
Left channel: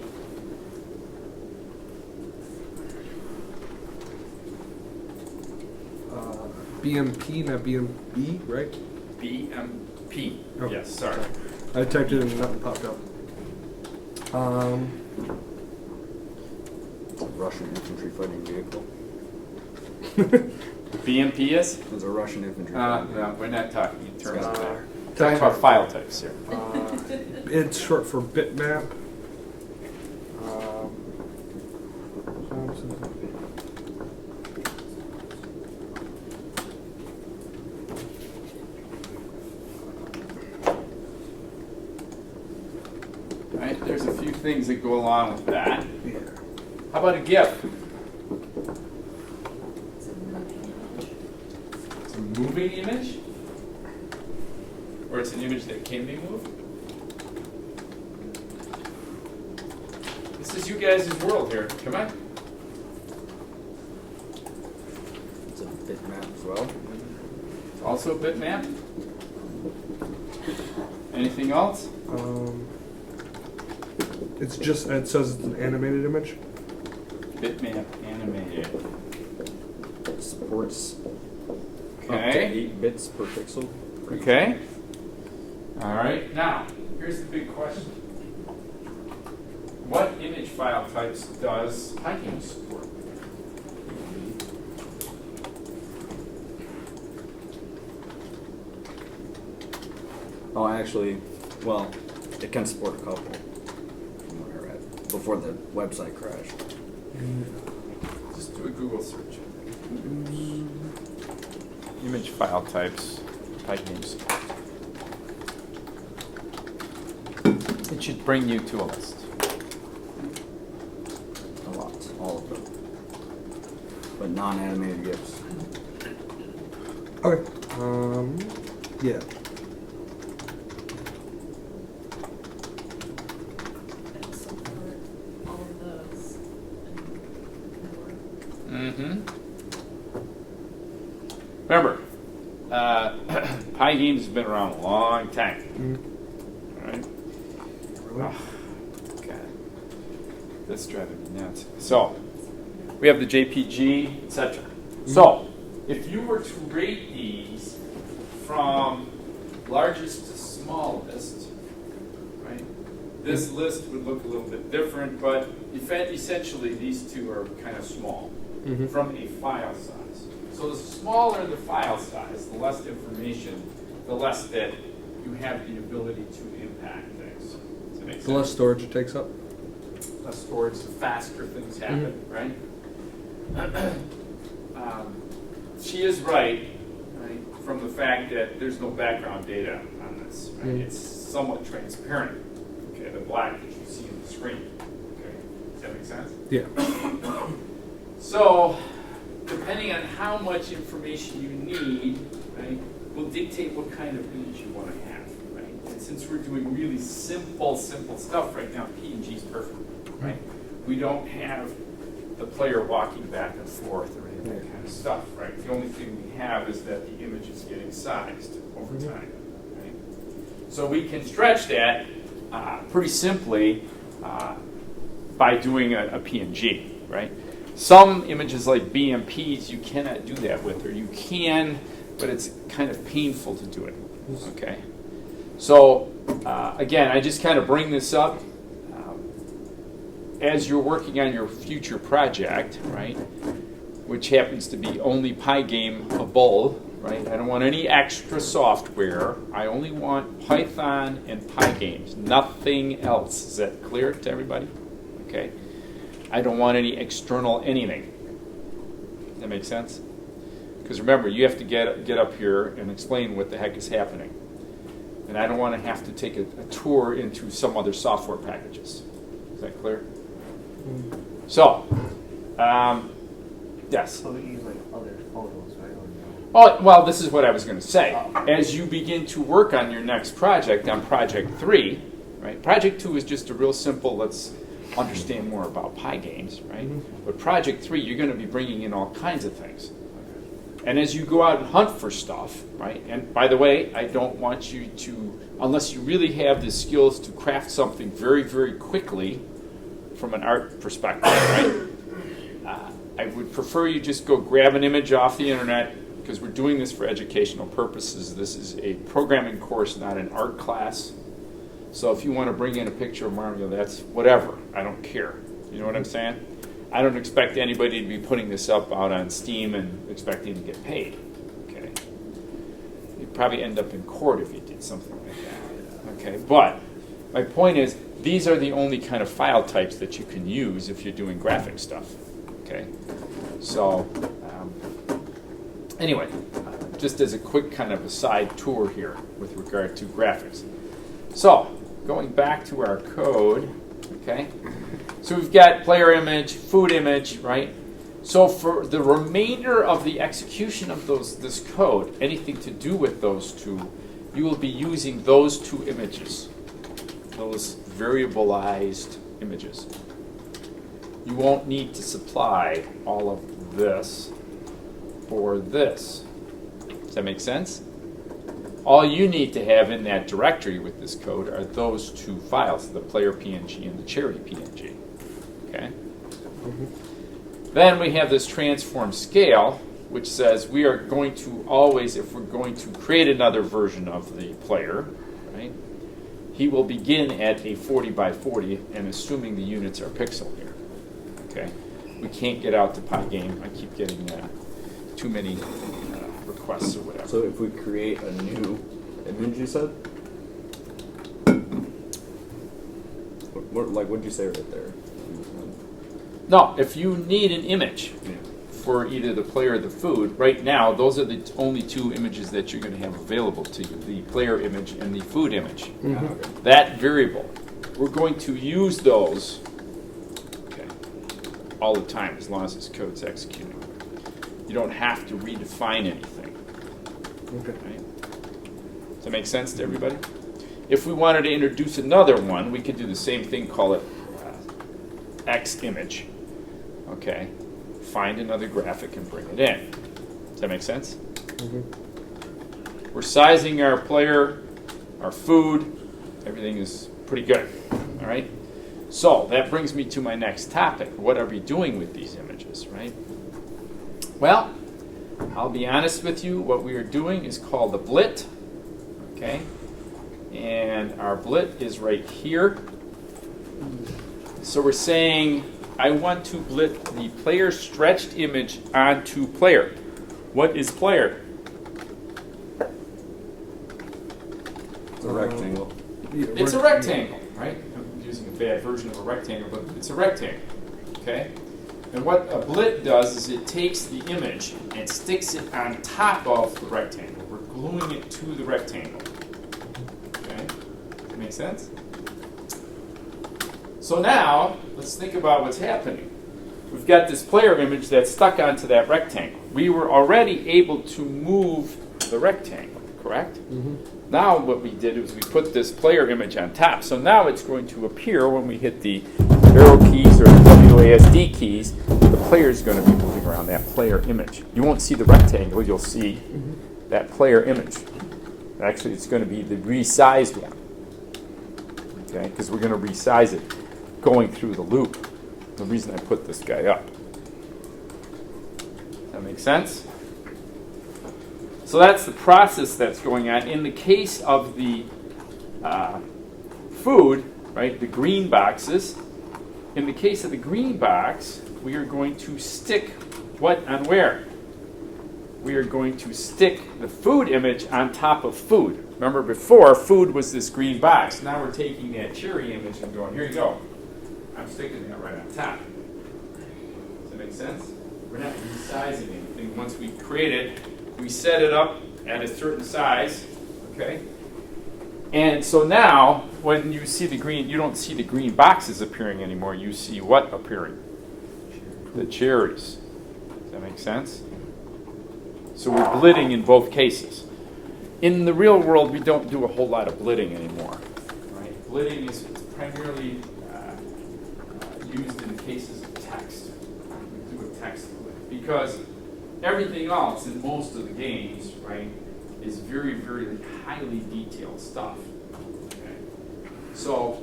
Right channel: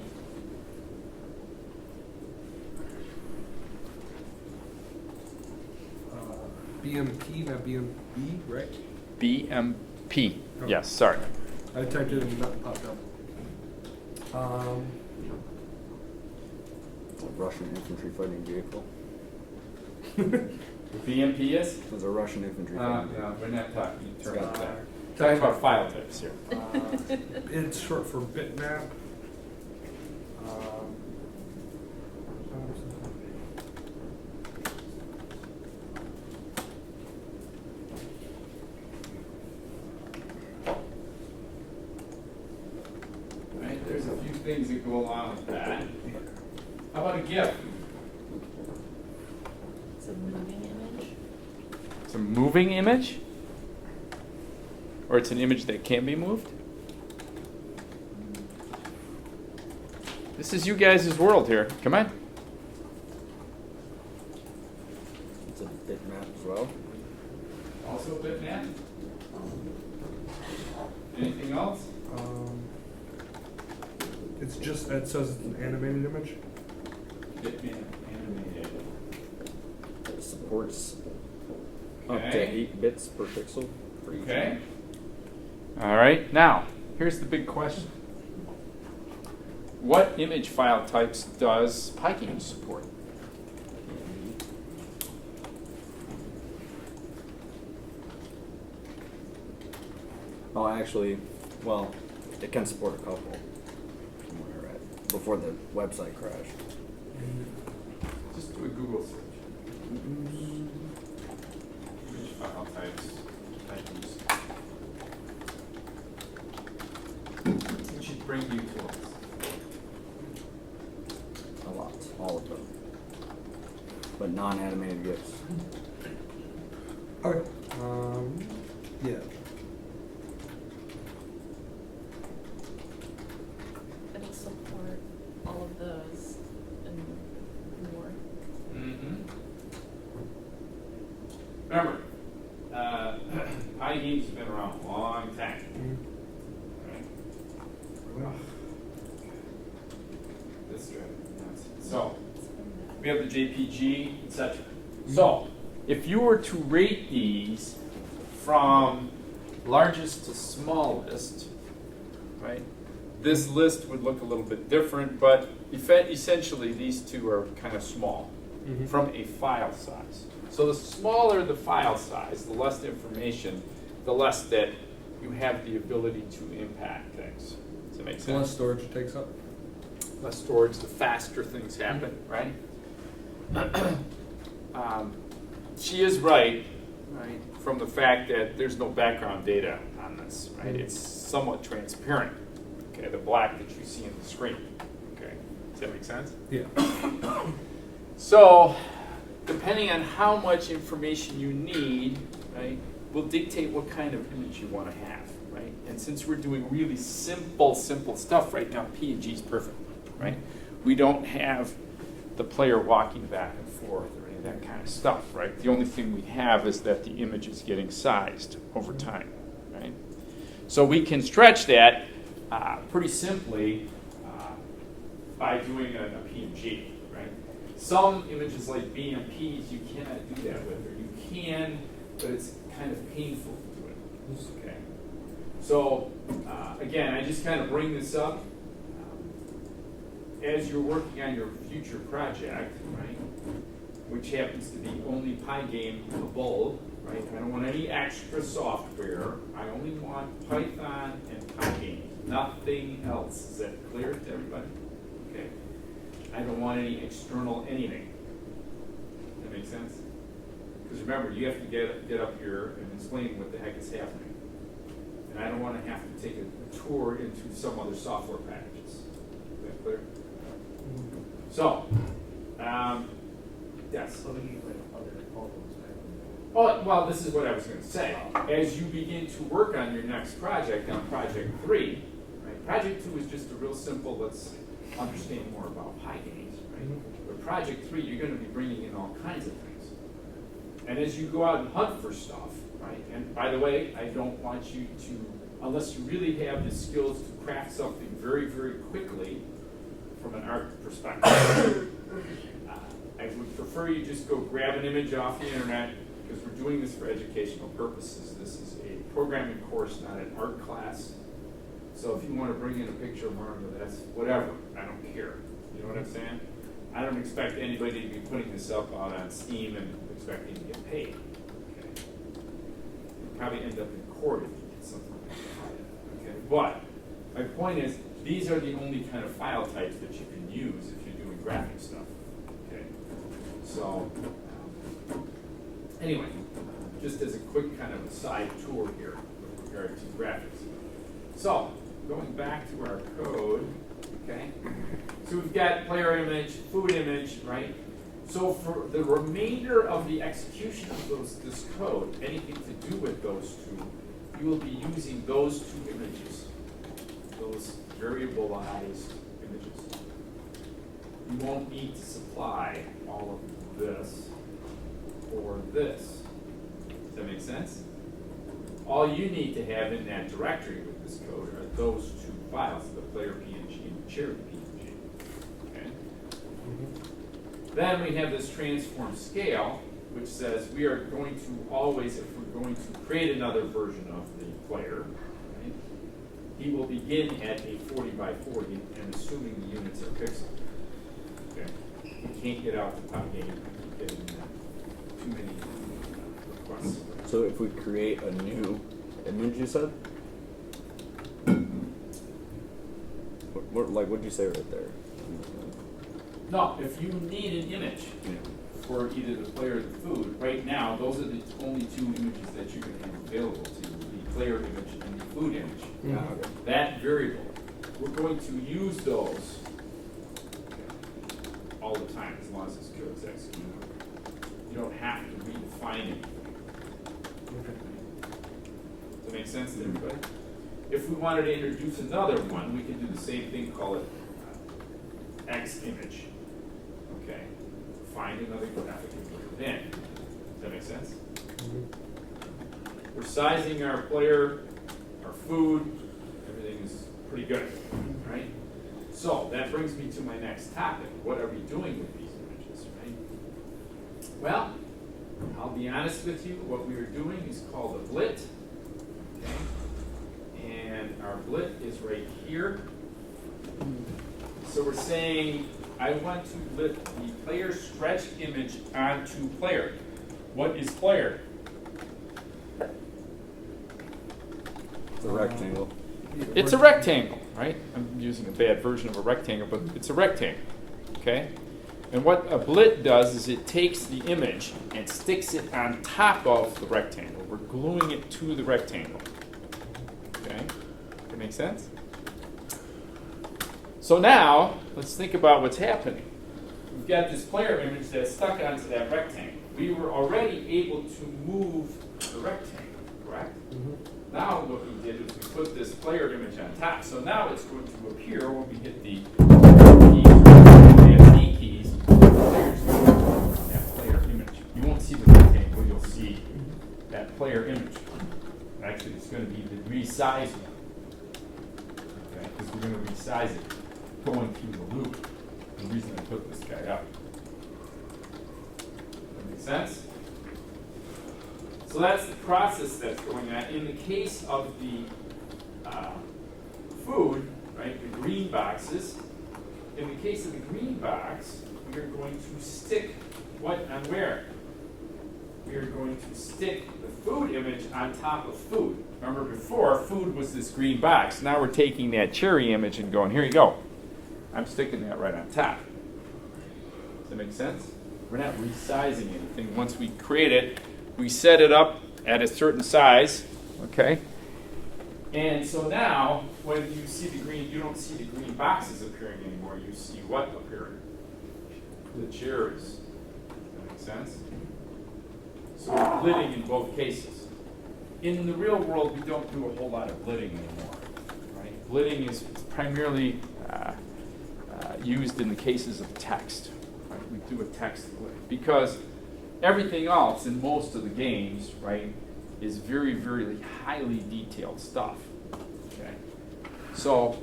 BMP, not BMB, right? BMP. Oh, Yes, sorry. I typed it in and nothing popped up. It's a Russian infantry fighting vehicle. BMP is? It's a Russian infantry fighting vehicle. No, we're not talking in terms of that. Uh, Talking about file types here. It's short for bitmap. Right, there's a few things that go along with that. Yeah. How about a GIF? It's a moving image. It's a moving image? Or it's an image that can be moved? This is you guys' world here. Come on. It's a bitmap as well. Also a bitmap? Anything else? It's just, it says it's an animated image. Bitmap animated. It supports up to Okay. 8 bits per pixel. for each Okay. All right. Now, here's the big question. What image file types does Hiking support? Oh, actually, well, it can support a couple from what I read before the website crashed. Just do a Google search. Image file types, Hiking support. It should bring you to a list. A lot, all of them. But non-animated GIFs. Okay. Yeah. It'll support all of those and more. Mm-hmm. Remember, Pygene's been around a long time. All right. Really? Oh, God. That's driving me nuts. So, we have the JPG, etc. So, if you were to rate these from largest to smallest, right, this list would look a little bit different, but essentially these two are kind of small from a file size. So the smaller the file size, the less information, the less that you have the ability to impact things. Does that make sense? The less storage it takes up. Less storage, the faster things happen, right? She is right, from the fact that there's no background data on this, right? It's somewhat transparent, okay, the black that you see on the screen, okay? Does that make sense? Yeah. So, depending on how much information you need, right, will dictate what kind of image you want to have, right? And since we're doing really simple stuff right now, PNG is perfect, right? We don't have the player walking back and forth or any of that kind of stuff, right? The only thing we have is that the image is getting sized over time, right? So we can stretch that pretty simply by doing a PNG, right? Some images like BMPs you cannot do that with, or you can, but it's kind of painful to do it, okay? So again, I just kind of bring this up as you're working on your future project, right? Which happens to be only Pygameable, right? I don't want any extra software. I only want Python and Pygames, nothing else. Is that clear to everybody? Okay. I don't want any external anything. Does that make sense? Because remember, you have to get up here and explain what the heck is happening. And I don't want to have to take a tour into some other software packages. Is that clear? So, yes. So we use like other photos, right? Oh, well, this is what I was going to say. As you begin to work on your next project, on Project 3, right? Project 2 is just a real simple, let's understand more about Pygames, right? But Project 3, you're going to be bringing in all kinds of things. And as you go out and hunt for stuff, right? And by the way, I don't want you to, unless you really have the skills to craft something very, very quickly from an art perspective, right? I would prefer you just go grab an image off the internet, because we're doing this for educational purposes. This is a programming course, not an art class. So if you want to bring in a picture of Mario, that's whatever. I don't care. You know what I'm saying? I don't expect anybody to be putting this up out on Steam and expecting to get paid. Okay. You'd probably end up in court if you did something like that. Okay. But my point is, these are the only kind of file types that you can use if you're doing graphic stuff. Okay. So anyway, just as a quick kind of a side tour here with regard to graphics. So going back to our code, okay. So we've got player image, food image, right? So for the remainder of the execution of this code, anything to do with those two, you will be using those two images, those variabilized images. You won't need to supply all of this for this. Does that make sense? All you need to have in that directory with this code are those two files, the player PNG and the cherry PNG. Okay? Then we have this transform scale, which says we are going to always, if we're going to create another version of the player, right, he will begin at a 40 by 40, and assuming the units are pixel here. Okay? We can't get out to Pygame. I keep getting too many requests or whatever. So if we create a new image, you said? What did you say right there? No, if you need an image for either the player or the food, right now, those are the only two images that you're going to have available to you, the player image and the food image. Okay. That variable, we're going to use those all the time as long as this code's executed. You don't have to redefine anything. Okay. Right? Does that make sense to everybody? If we wanted to introduce another one, we could do the same thing, call it X image. Okay. Find another graphic and bring it in. Does that make sense? We're sizing our player, our food, everything is pretty good. All right? So that brings me to my next topic. What are we doing with these images, right? Well, I'll be honest with you. What we are doing is called the blit. Okay? And our blit is right here. So we're saying, I want to blit the player stretched image onto player. What is player? It's a rectangle. It's a rectangle, right? I'm using a bad version of a rectangle, but it's a rectangle, okay? And what a blit does is it takes the image and sticks it on top of the rectangle. We're gluing it to the rectangle, okay? That make sense? So now, let's think about what's happening. we've got this player image that's stuck onto that rectangle. We were already able to move the rectangle, correct? Now what we did is we put this player image on top. So now it's going to appear when we hit the arrow keys or the WASD keys, the player is going to be moving around that player image. You won't see the rectangle, you'll see that player image. Actually, it's going to be the resized one, okay? Because we're going to resize it going through the loop. The reason I put this guy up. That makes sense? So that's the process that's going on. In the case of the food, right, the green boxes, in the case of the green box, we are going to stick what on where? We are going to stick the food image on top of food. Remember before, food was this green box. Now we're taking that cherry image and going, here you go. I'm sticking that right on top. Does that make sense? We're not resizing anything. Once we create it, we set it up at a certain size, okay? And so now, when you see the green, you don't see the green boxes appearing anymore. You see what appearing? The cherries. Does that make sense? So we're blitting in both cases. In the real world, we don't do a whole lot of blitting anymore, right? Blitting is primarily used in the cases of text. We do a text blit because everything else in most of the games, right, is very, very highly detailed stuff. Okay? So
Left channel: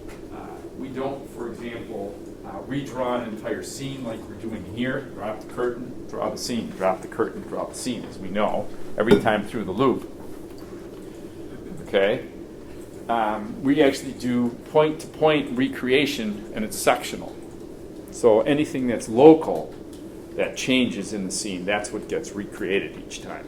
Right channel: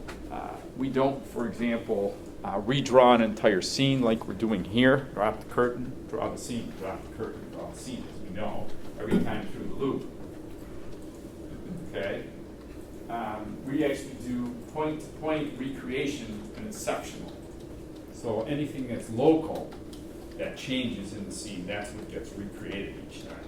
we don't, for example, redraw an entire scene like we're doing here. Drop the curtain, draw the scene, drop the curtain, draw the scene, as we know, every time through the loop. Okay? We actually do point-to-point recreation, and it's sectional. So anything that's local that changes in the scene, that's what gets recreated each time.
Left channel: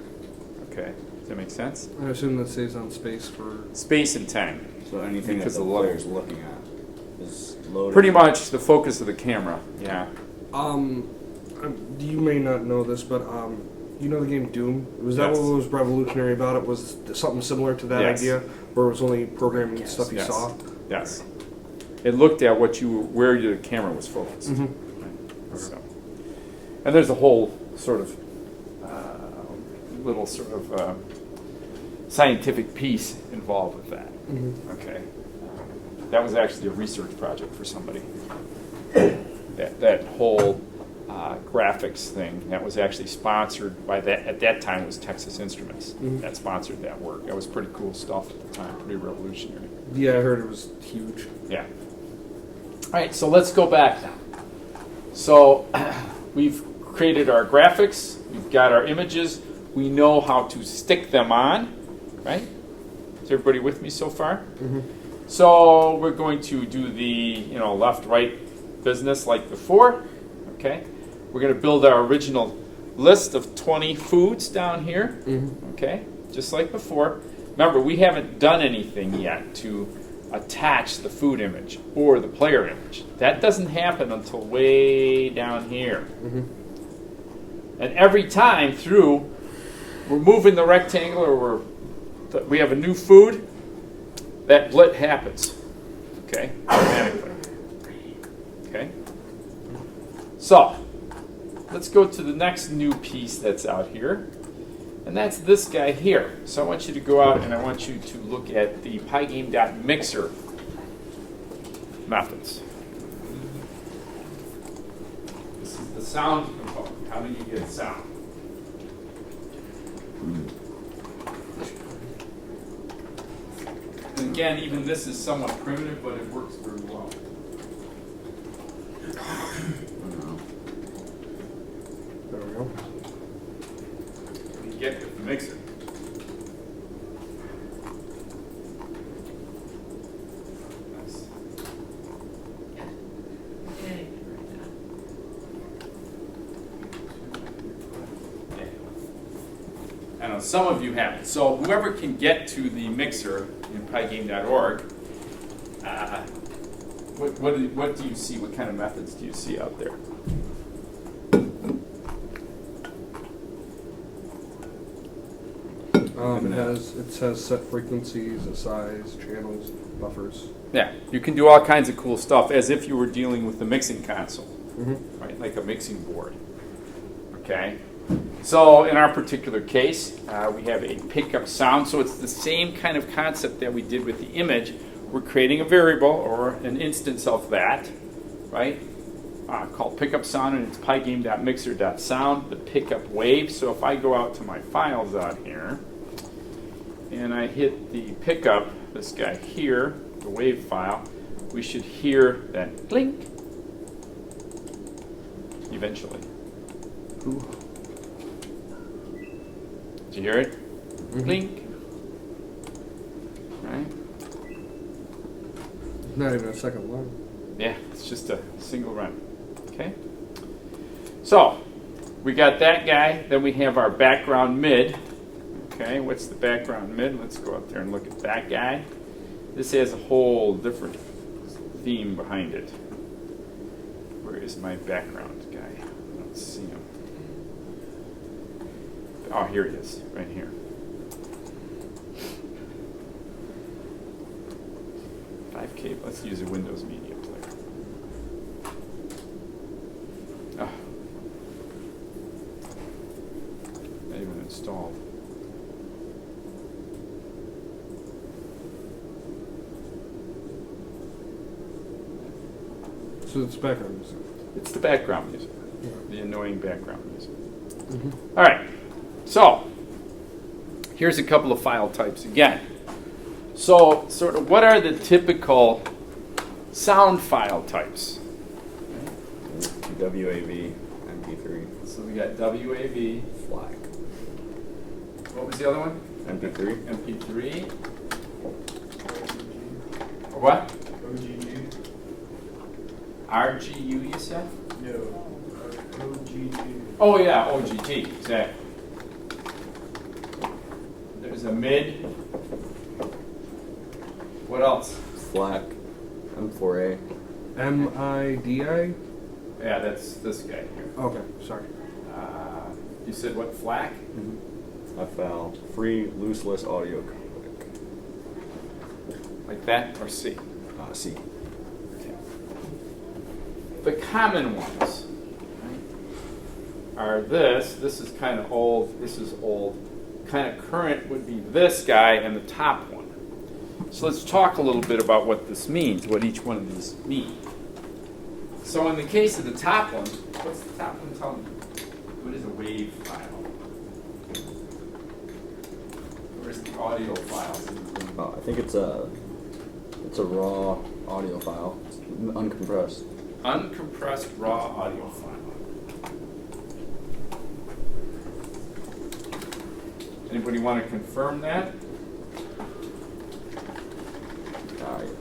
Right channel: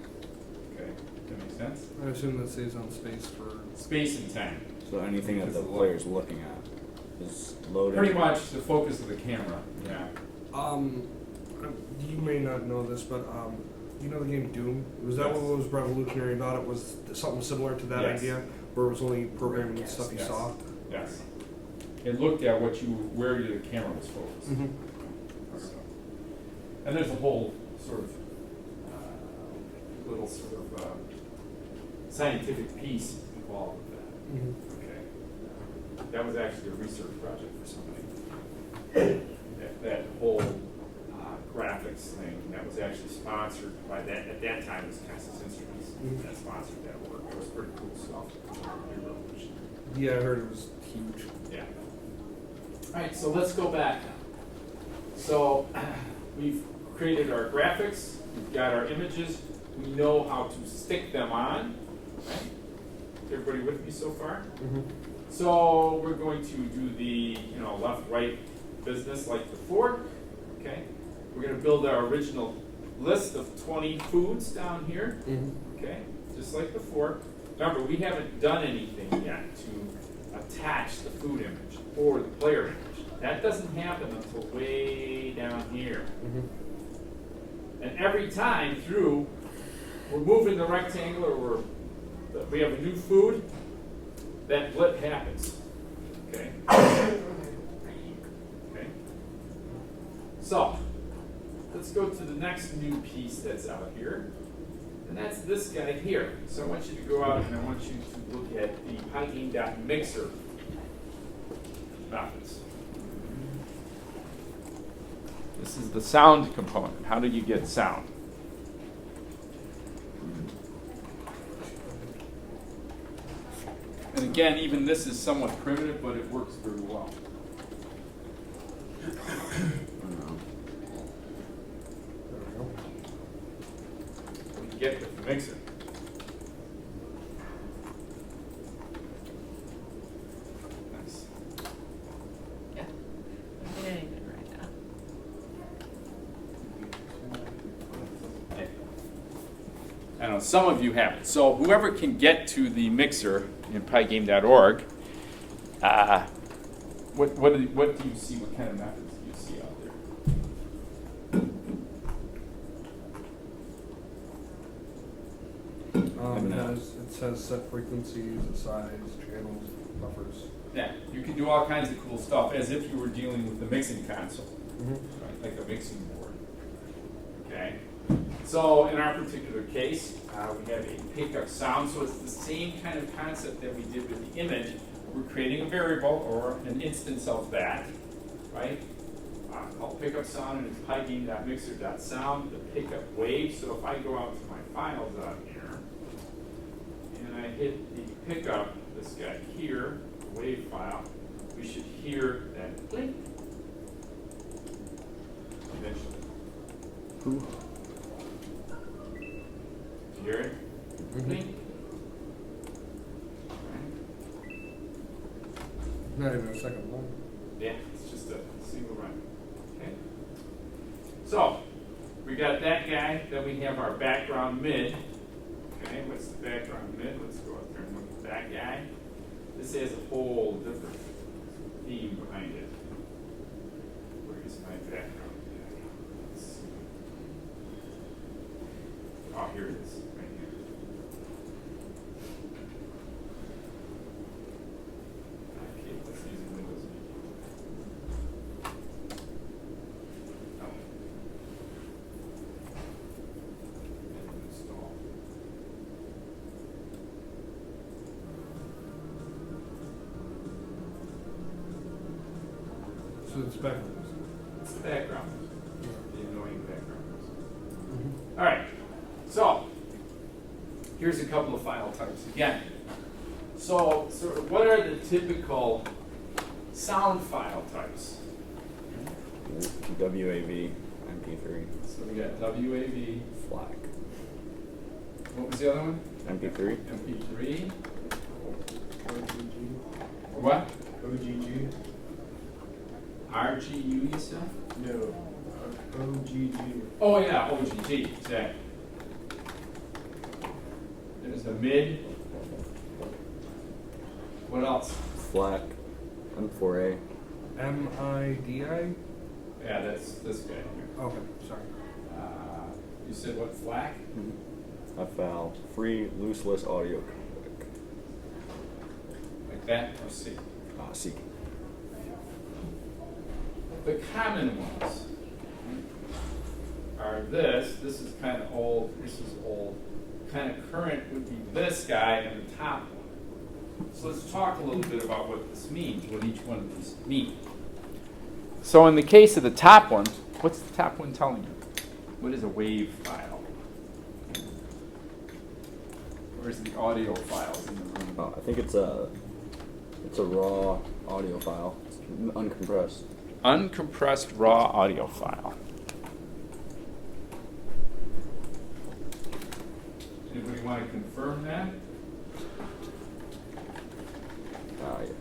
Okay? Does that make sense? I assume that stays on space for... Space and time. So anything that Because the of player's looking at is loaded. Pretty much the focus of the camera, yeah. You may not know this, but you know the game Doom? Was that Yes. what was revolutionary about it? Was something similar to that Yes. idea, where it was only programming Yes, stuff you yes. saw? Yes. It looked at where your camera was focused. So. And there's a whole sort of little sort of scientific piece involved with that. Okay. That was actually a research project for somebody. That whole graphics thing, that was actually sponsored by that, at that time it was Texas Instruments that sponsored that work. That was pretty cool stuff at the time, pretty revolutionary. Yeah, I heard it was huge. Yeah. All right, so let's go back now. So we've created our graphics, we've got our images, we know how to stick them on, right? Is everybody with me so far? So we're going to do the left-right business like before, okay? We're going to build our original list of 20 foods down here, okay? Just like before. Remember, we haven't done anything yet to attach the food image or the player image. That doesn't happen until way down here. And every time through, we're moving the rectangle or we have a new food, that blit happens. Okay? Okay? So, let's go to the next new piece that's out here. And that's this guy here. So I want you to go out and I want you to look at the pygame.mixer methods. This is the sound component. How do you get sound? And again, even this is somewhat primitive, but it works very well. There we go. What do you get with the mixer? Nice. Yeah. I'm getting it right now. I know some of you haven't. So whoever can get to the mixer in pygame.org, what do you see? What kind of methods do you see out there? It says set frequencies, a size, channels, buffers. Yeah, you can do all kinds of cool stuff as if you were dealing with the mixing console. right? Like a mixing board. Okay? So in our particular case, we have a pickup sound. So it's the same kind of concept that we did with the image. We're creating a variable or an instance of that, right? Called pickup sound, and it's pygame.mixer.sound, the pickup wave. So if I go out to my files out here, and I hit the pickup, this guy here, the wave file, we should hear that blink eventually. Ooh. Did you hear it? Mhm. Blink. Right? Not even a second long. Yeah, it's just a single run. Okay? So, we got that guy, then we have our background mid. Okay, what's the background mid? Let's go up there and look at that guy. This has a whole different theme behind it. Where is my background guy? Let's see him. Oh, here it is, right here. 5K, let's use a Windows Media Player. Oh. Not even installed. So it's background music. It's the background music, the annoying background music. Mm-hmm. All right, so here's a couple of file types again. So sort of what are the typical sound file types? WAV, MP3, So we got WAV. FLAC, What was the other one? MP3, MP3. OGG. Or what? OGG. RGU, you said? No. OGG. Oh yeah, OGG, exactly. There's a mid. What else? FLAC, M4A, MIDI? Yeah, that's this guy here. Okay, sorry. You said what, FLAC? FL, free lossless audio codec. Like that or C? C. The common ones are this is kind of old, this is old. Kind of current would be this guy and the top one. So let's talk a little bit about what this means, what each one of these mean. So in the case of the top one, what's the top one telling you? What is a wave file? Where's the audio files in the room? I think it's a raw audio file, it's uncompressed. Uncompressed raw audio file. Anybody want to confirm that? Yes.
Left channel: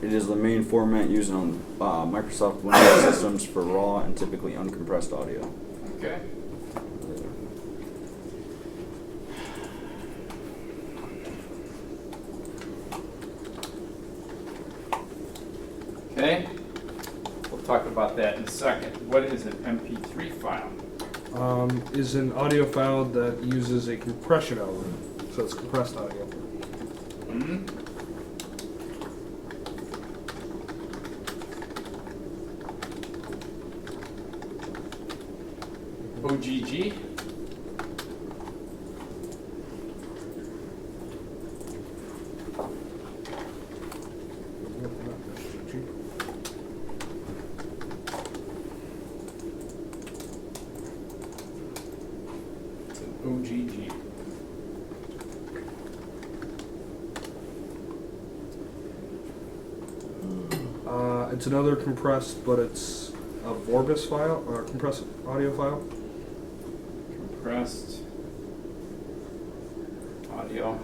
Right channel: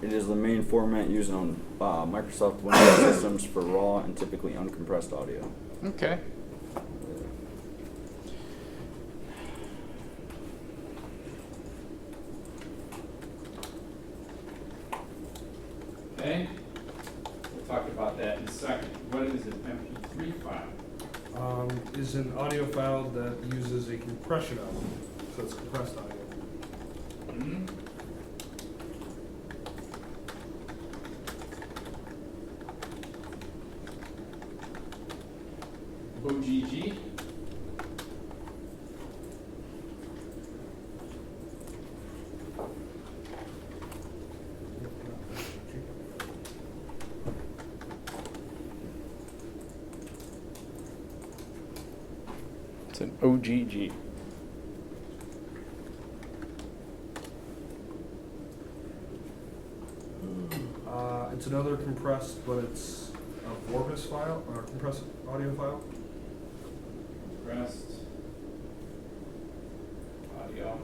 It is the main format used on Microsoft Windows systems for raw and typically uncompressed audio. Okay. Okay. We'll talk about that in a second. What is an MP3 file? Is an audio file that uses a compression element. So it's compressed audio. Hmm? OGG? It's an OGG. It's another compressed, but it's a Vorbis file, or a compressed audio file. Compressed audio.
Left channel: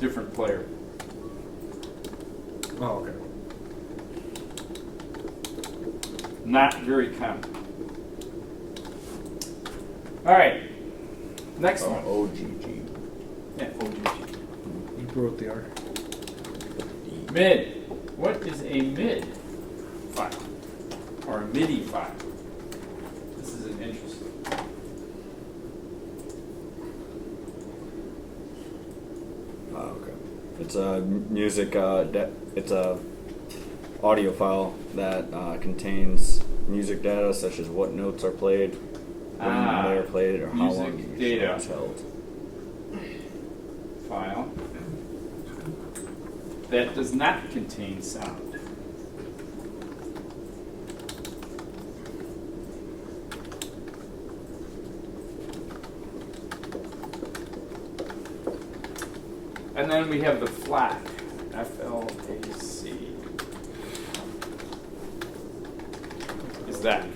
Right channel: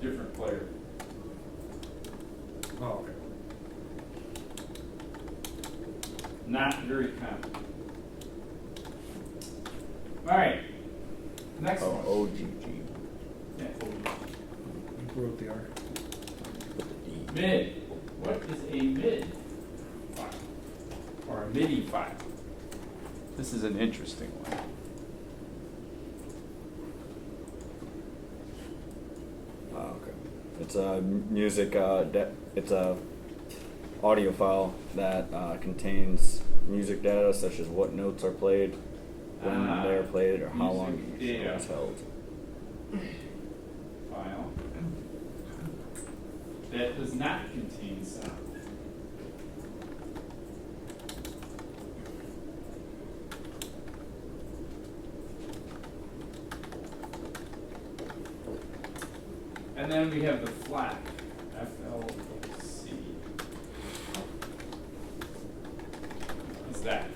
Different player. Oh, okay. Not very common. All right. Next one. OGG. Yeah, OGG. You wrote the R. Mid. What is a mid file? or a MIDI file. This is an interesting one. Okay. It's a music. It's a audio file that contains music data such as what notes are played, when they are played, or how long music each data. note is held. File that does not contain sound. And then we have the FLAC, F-L-A-C. Is that?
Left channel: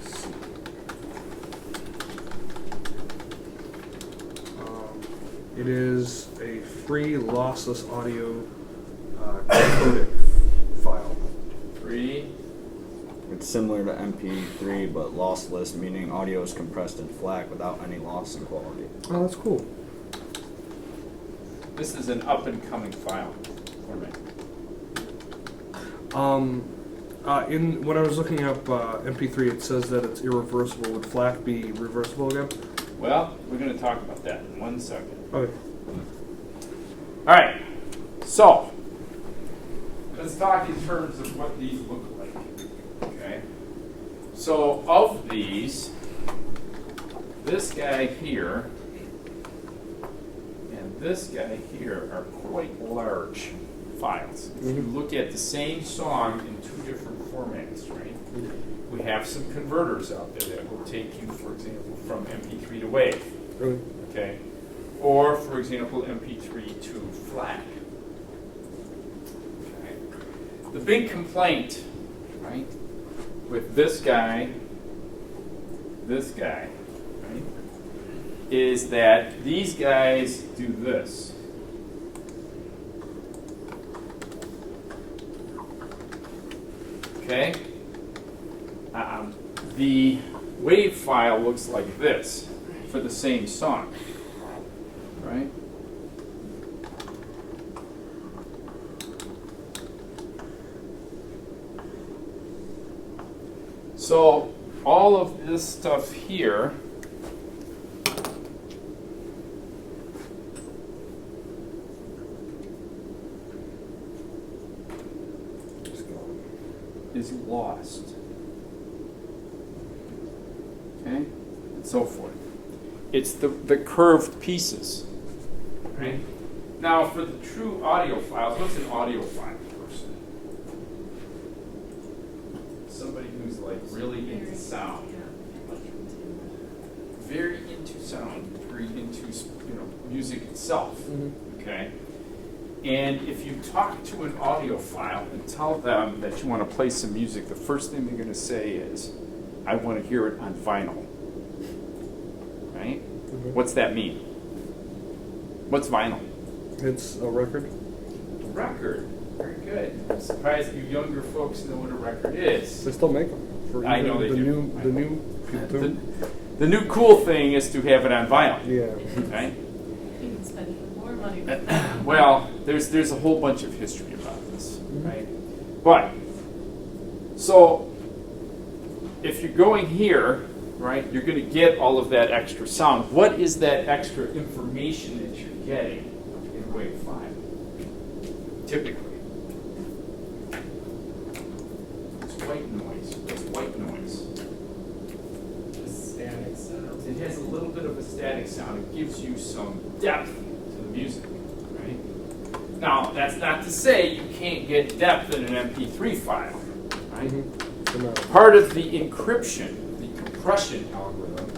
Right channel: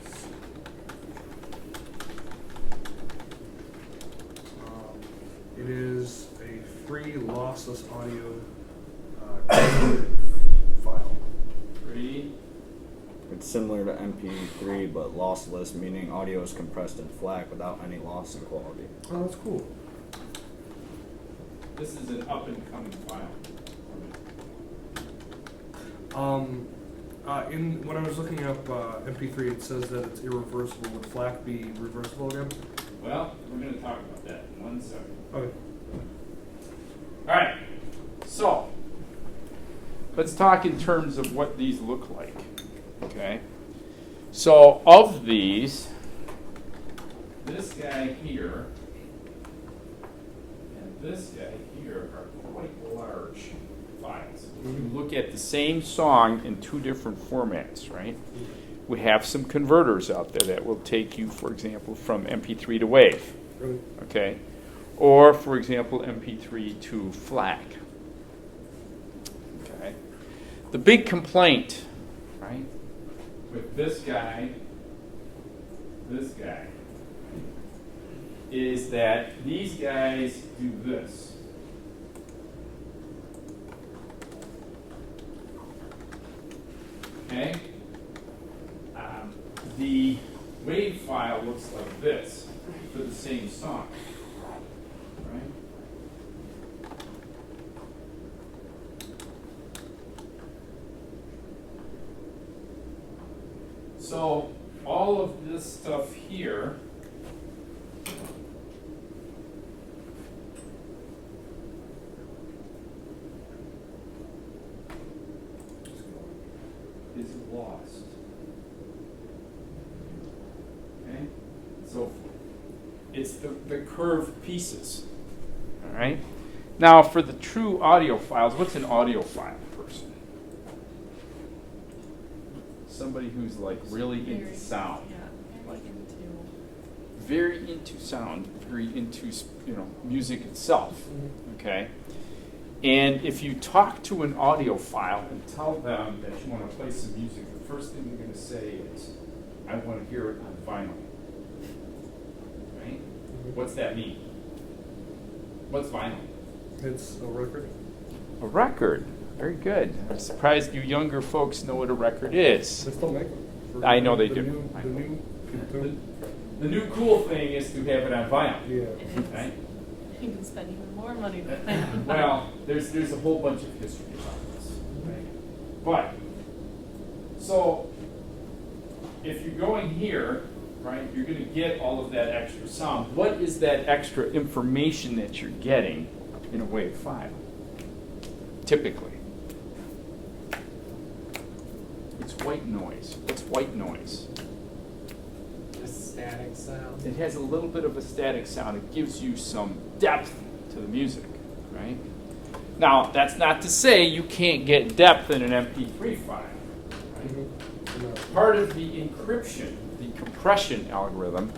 It is a free lossless audio codec file. Free. It's similar to MP3 but lossless, meaning audio is compressed in FLAC without any loss in quality. Oh, that's cool. This is an up-and-coming file. In when I was looking up MP3, it says that it's irreversible. Would FLAC be reversible again? Well, we're going to talk about that in 1 second. Okay. All right, so let's talk in terms of what these look like. Okay, so of these, this guy here and this guy here are quite large files. If you look at the same song in 2 different formats, right? We have some converters out there that will take you, for example, from MP3 to WAV. Really? Okay, or for example, MP3 to FLAC. Okay, the big complaint, right, with this guy, right, is that these guys do this. Okay, the WAV file looks like this for the same song, right? So all of this stuff here is lost. Okay? And so forth. It's the curved pieces. Right? Now for the true audio files, what's an audio file person? Somebody who's like really into sound. Very into sound, very into music itself. Okay? And if you talk to an audiophile and tell them that you want to play some music, the first thing they're going to say is, I want to hear it on vinyl. Right? What's that mean? What's vinyl? It's a record. A record. Very good. I'm surprised you younger folks know what a record is. They still make them. For I know they the do. The new people too. The new cool thing is to have it on vinyl. Yeah. Right? You can spend even more money with that. Well, there's a whole bunch of history about this, right? But, so, if you're going here, right, you're going to get all of that extra sound. What is that extra information that you're getting in WAV 5? Typically. It's white noise. What's white noise? Just static sound. It has a little bit of a static sound. It gives you some depth to the music, right? Now, that's not to say you can't get depth in an MP3 file, right? Part of the encryption, the compression algorithm,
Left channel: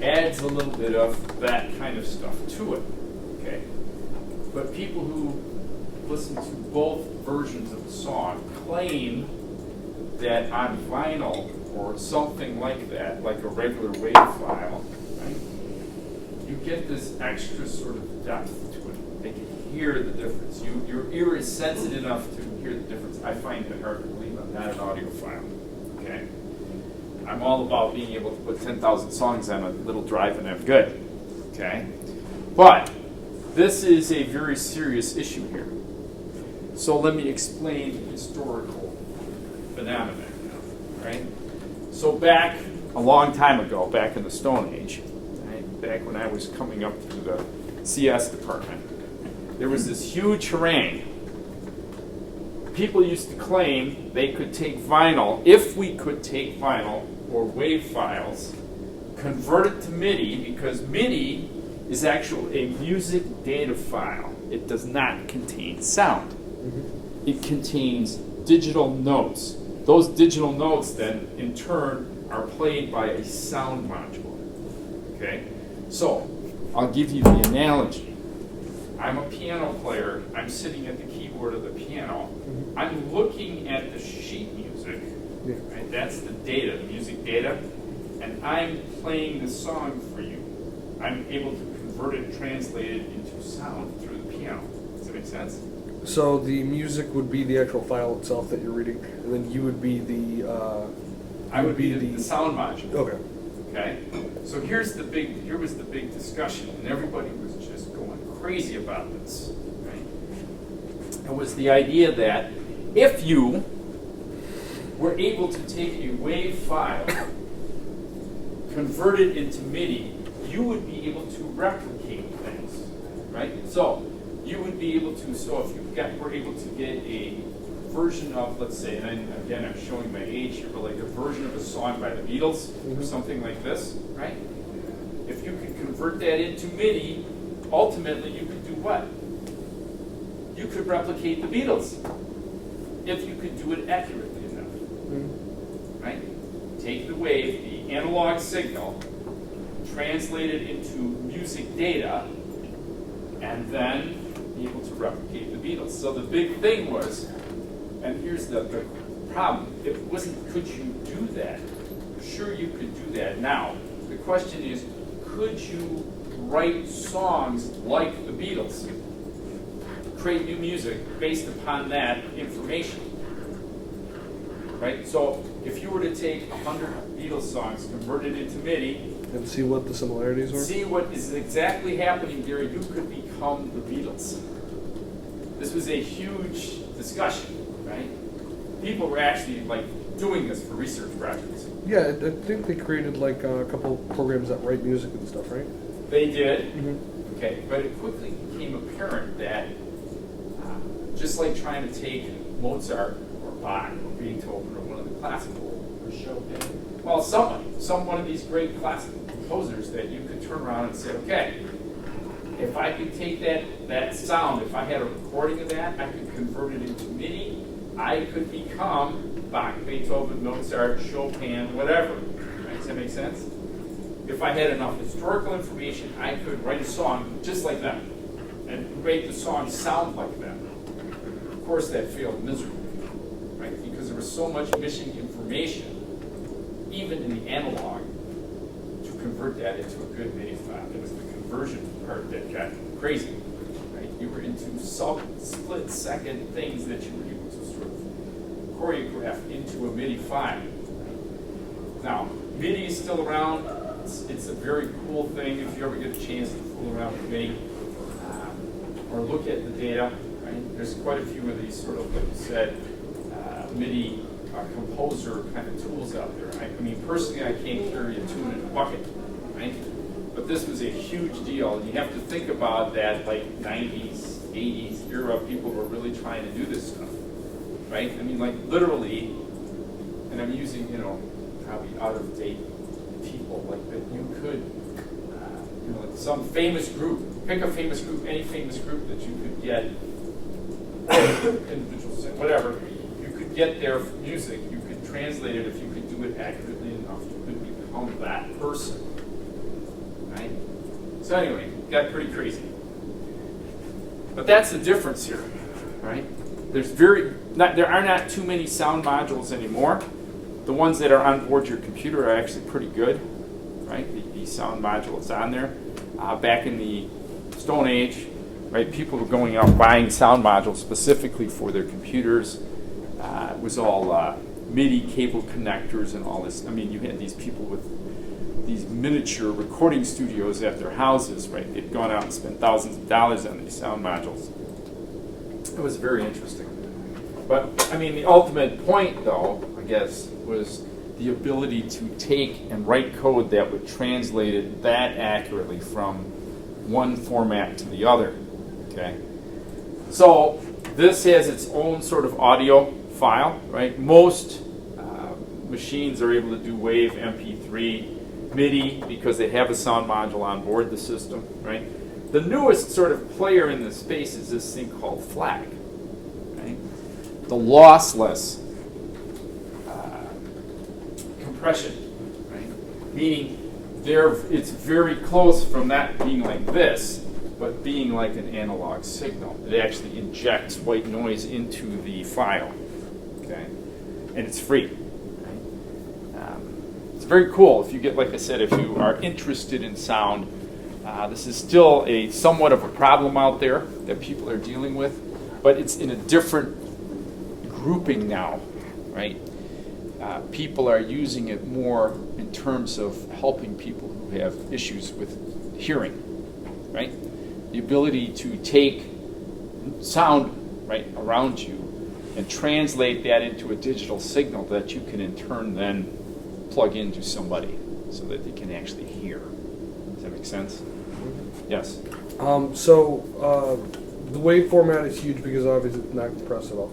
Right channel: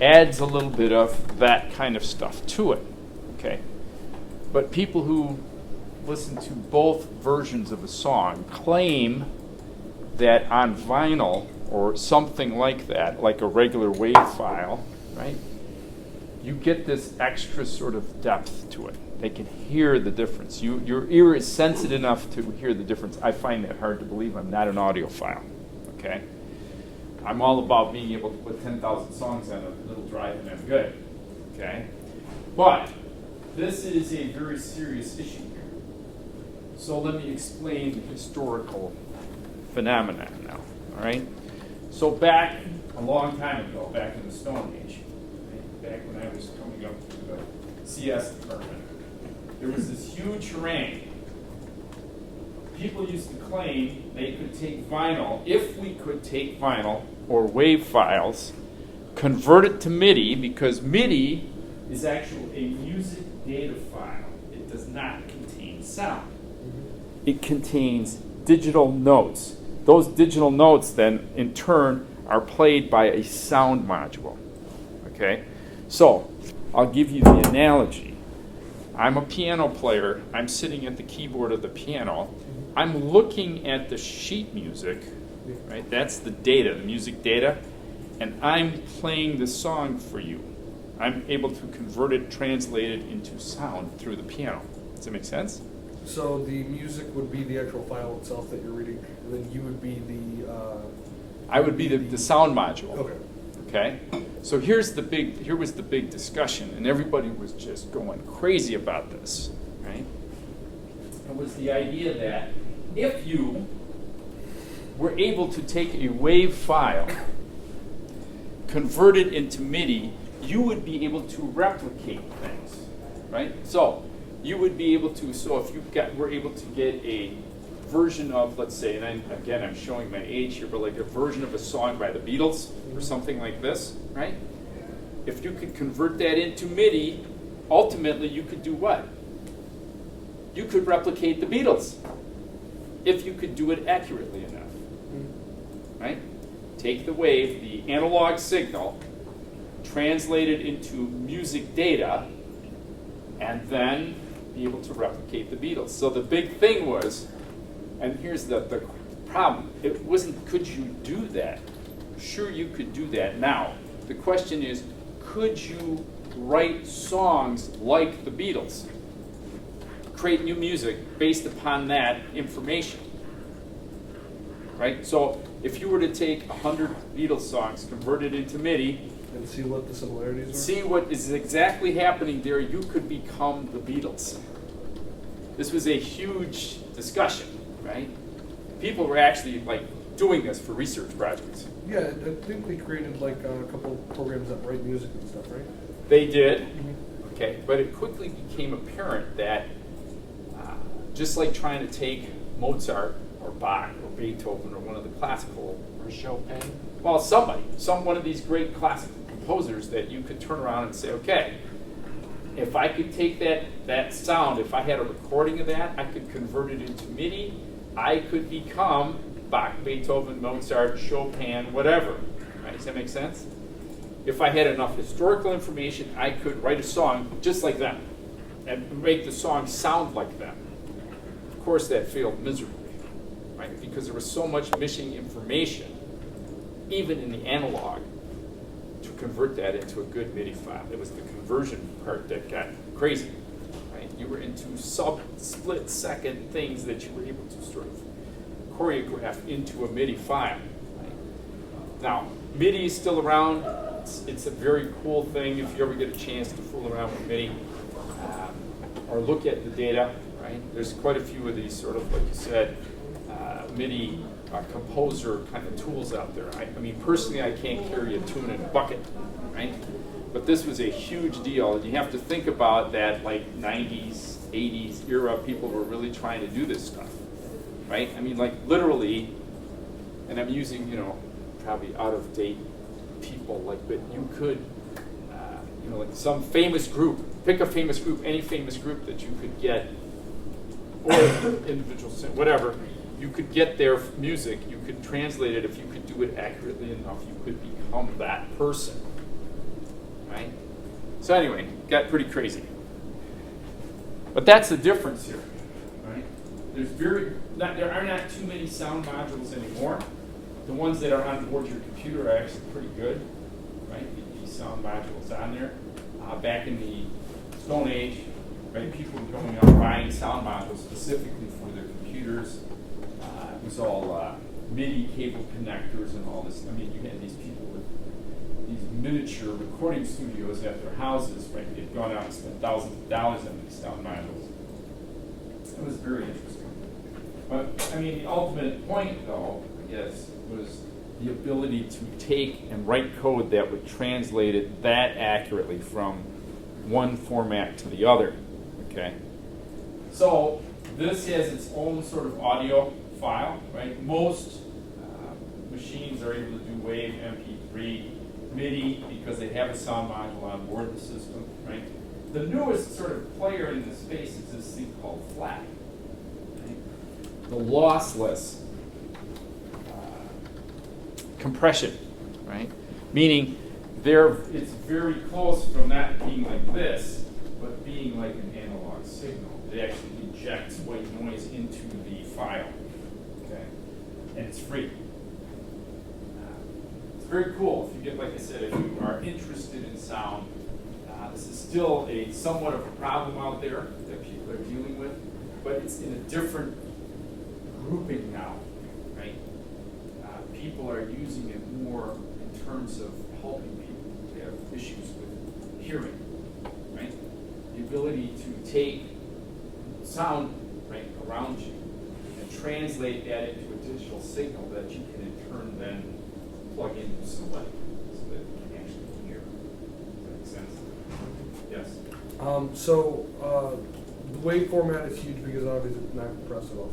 adds a little bit of that kind of stuff to it, okay? But people who listen to both versions of a song claim that on vinyl or something like that, like a regular WAV file, right, you get this extra sort of depth to it. They can hear the difference. Your ear is sensitive enough to hear the difference. I find that hard to believe. I'm not an audiophile, okay? I'm all about being able to put 10,000 songs on a little drive and I'm good, okay? But this is a very serious issue here. So let me explain the historical phenomenon now, all right? So back a long time ago, back in the Stone Age, right, back when I was coming up through the CS department, there was this huge harangue. People used to claim they could take vinyl, if we could take vinyl or WAV files, convert it to MIDI, because MIDI is actually a music data file. It does not contain sound. It contains digital notes. Those digital notes then, in turn, are played by a sound module. Okay? So, I'll give you the analogy. I'm a piano player. I'm sitting at the keyboard of the piano. I'm looking at the sheet music. Right? That's the data, music data. And I'm playing the song for you. I'm able to convert it, translate it into sound through the piano. Does that make sense? So the music would be the actual file itself that you're reading, and then you would be the. I would be the sound module. Okay. Okay. So here was the big discussion, and everybody was just going crazy about this. Right? It was the idea that if you were able to take a WAV file, convert it into MIDI, you would be able to replicate things, right? So you would be able to. So if were able to get a version of, let's say, and again I'm showing my age here, but like a version of a song by the Beatles or something like this, right? If you could convert that into MIDI, ultimately you could do what? You could replicate the Beatles if you could do it accurately enough, right? Take the wave, the analog signal, translate it into music data, and then be able to replicate the Beatles. So the big thing was, and here's the problem, it wasn't could you do that? Sure you could do that. Now, the question is, could you write songs like the Beatles? Create new music based upon that information, right? So if you were to take 100 Beatles songs, convert it into MIDI, And see what the similarities were? see what is exactly happening there, you could become the Beatles. This was a huge discussion, right? People were actually like doing this for research projects. Yeah, I think they created like a couple programs that write music and stuff, right? They did, okay, but it quickly became apparent that just like trying to take Mozart or Bach or Beethoven or one of the classical, Or Chopin. well, one of these great classical composers that you could turn around and say, okay, if I could take that sound, if I had a recording of that, I could convert it into MIDI, I could become Bach, Beethoven, Mozart, Chopin, whatever. Right? Does that make sense? If I had enough historical information, I could write a song just like them and make the song sound like them. Of course, that failed miserably, right? Because there was so much missing information, even in the analog, to convert that into a good MIDI file. It was the conversion part that got crazy, right? You were into split-second things that you were able to sort of choreograph into a MIDI file. Right? Now, MIDI is still around. It's a very cool thing if you ever get a chance to fool around with MIDI or look at the data. Right? There's quite a few of these sort of, like you said, MIDI composer kind of tools out there. Right? I mean, personally, I can't carry a tune in a bucket, right? But this was a huge deal. And you have to think about that, like 90s, 80s era, people were really trying to do this stuff, right? I mean, like literally, and I'm using, probably out of date people, like, but you could, like some famous group, pick a famous group, any famous group that you could get, or individuals, whatever, you could get their music, you could translate it, if you could do it accurately enough, you could become that person, right? So anyway, it got pretty crazy. But that's the difference here, right? There are not too many sound modules anymore. The ones that are on board your computer are actually pretty good, right? The sound modules on there. Back in the Stone Age, right, people were going out buying sound modules specifically for their computers. It was all MIDI cable connectors and all this. I mean, you had these people with these miniature recording studios at their houses, right? They'd gone out and spent thousands of dollars on these sound modules. It was very interesting. But, I mean, the ultimate point, though, I guess, was the ability to take and write code that would translate it that accurately from one format to the other. Okay. So this has its own sort of audio file, right? Most machines are able to do WAV, MP3, MIDI because they have a sound module on board the system, right? The newest sort of player in this space is this thing called FLAC, right? The lossless compression, right? Meaning it's very close from that being like this, but being like an analog signal. It actually injects white noise into the file, okay? And it's free. It's very cool if you get, like I said, if you are interested in sound. This is still somewhat of a problem out there that people are dealing with, but it's in a different grouping now, right? People are using it more in terms of helping people who have issues with hearing, right? The ability to take sound right around you and translate that into a digital signal that you can in turn then plug into somebody so that they can actually hear. Does that make sense? Yes. The wave format is huge because obviously it's not compressed at all.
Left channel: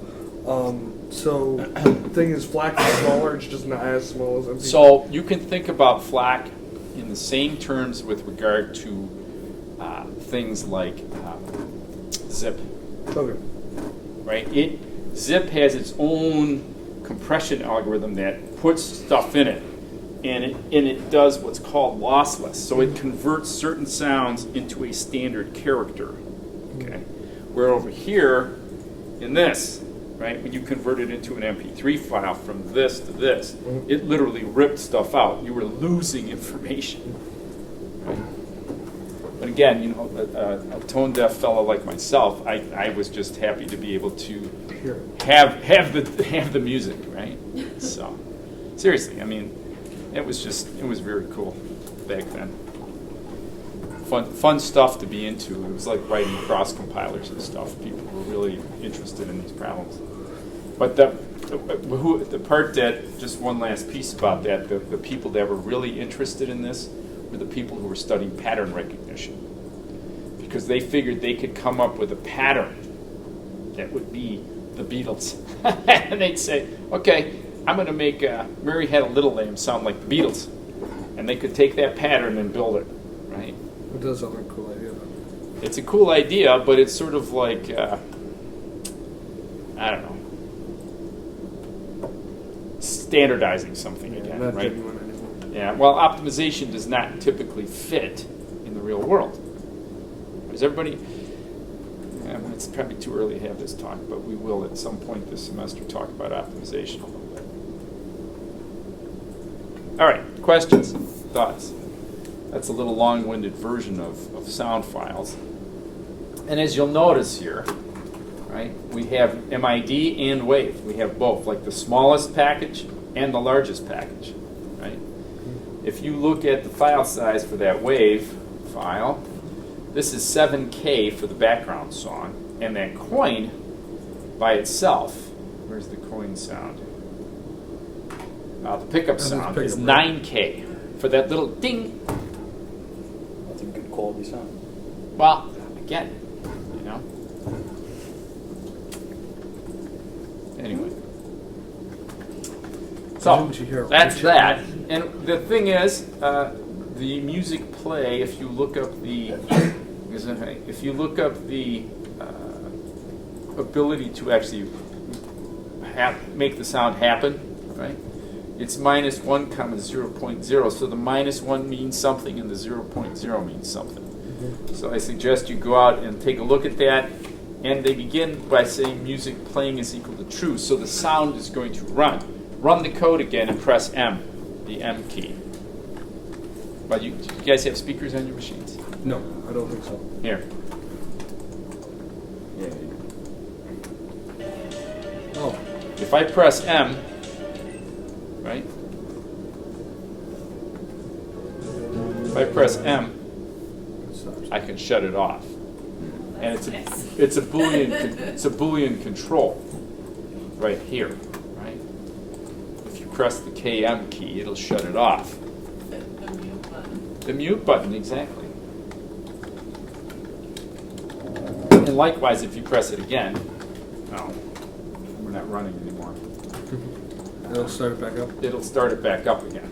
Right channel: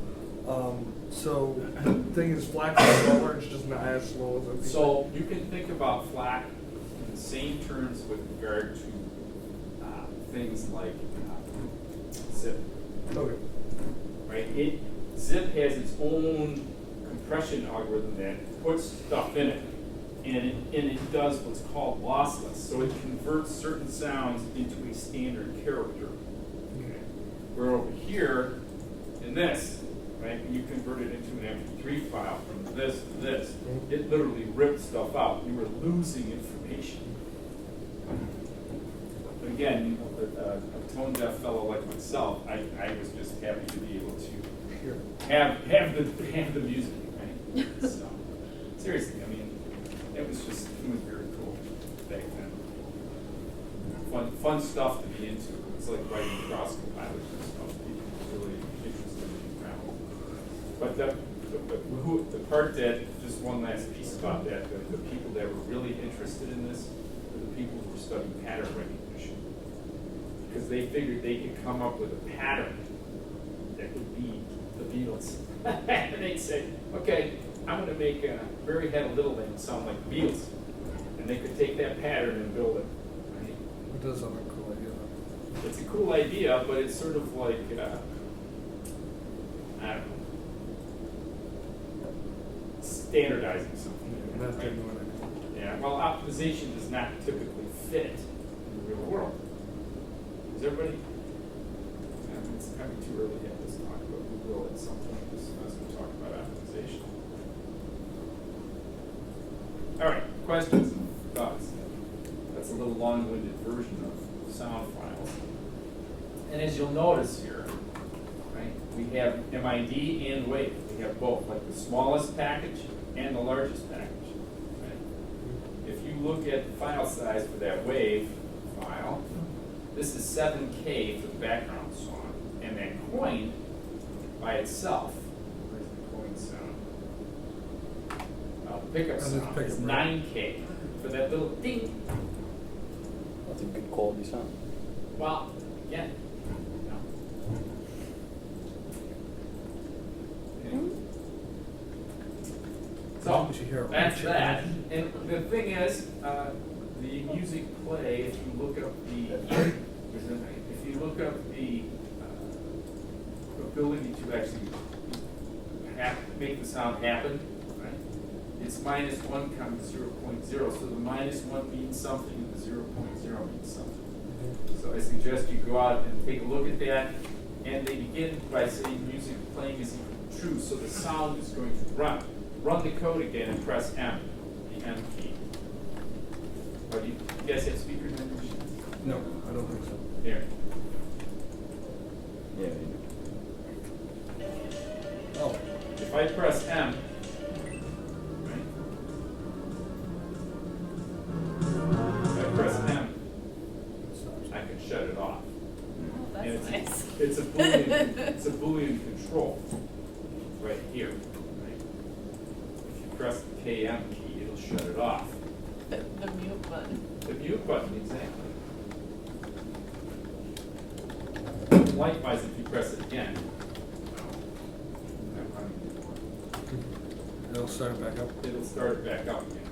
So the thing is, FLAC is smaller. It's just not as small as MP3. So you can think about FLAC in the same terms with regard to things like zip. Okay. Right? Zip has its own compression algorithm that puts stuff in it, and it does what's called lossless. So it converts certain sounds into a standard character. Okay. Where over here, in this, right, when you convert it into an MP3 file from this to this, it literally ripped stuff out. You were losing information. But again, you know, a tone deaf fellow like myself, I was just happy to be able to have the music, right? So seriously, I mean, it was very cool back then. Fun stuff to be into. It was like writing cross compilers and stuff. People were really interested in these problems. But the part that, just one last piece about that, the people that were really interested in this were the people who were studying pattern recognition. Because they figured they could come up with a pattern that would be the Beatles. And they'd say, okay, I'm going to make Mary Had a Little Lamb sound like the Beatles. And they could take that pattern and build it, right? It does sound like a cool idea, though. It's a cool idea, but it's sort of like, I don't know, standardizing something again, Not right? genuine anymore. Yeah, well, optimization does not typically fit in the real world. Does everybody, it's probably too early to have this talk, but we will at some point this semester talk about optimization. All right, questions, thoughts? That's a little long-winded version of sound files. And as you'll notice here, right, we have MID and WAV. We have both, like the smallest package and the largest package, right? If you look at the file size for that WAV file, this is 7K for the background song, and that coin by itself, where's the coin sound? The pickup sound is 9K for that little ding. That's a good quality sound. Well, again, you know. Anyway. So, Didn't you hear it? that's that. And the thing is, the music play, if you look up the ability to actually make the sound happen, right? It's -1, 0.0. So the -1 means something and the 0.0 means something. So I suggest you go out and take a look at that. And they begin by saying music playing is equal to true. So the sound is going to run. Run the code again and press M, the M key. But you guys have speakers on your machines? No, I don't think so. Here. Yeah, you do. Oh, If I press M, right? If I press M, it stops. I can shut it off. And That's nice. it's a Boolean control right here, right? If you press the KM key, it'll shut it off. The mute button. The mute button, exactly. And likewise, if you press it again, no, we're not running anymore. It'll start it back up. It'll start it back up again.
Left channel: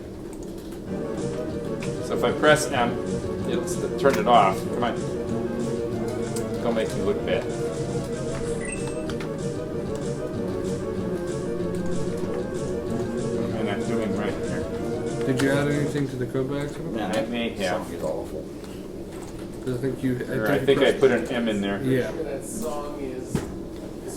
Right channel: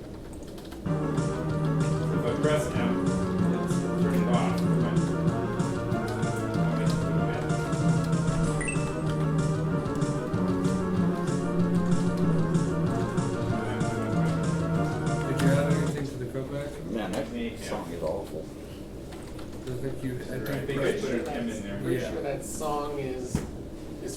So if I press M, it'll turn it off. Come on. Don't make it look bad. I'm not doing right here. Did you add anything to the code by accident? Man, I may that have. song is awful. I think you. I think I put an M in there. Yeah. Sure that song is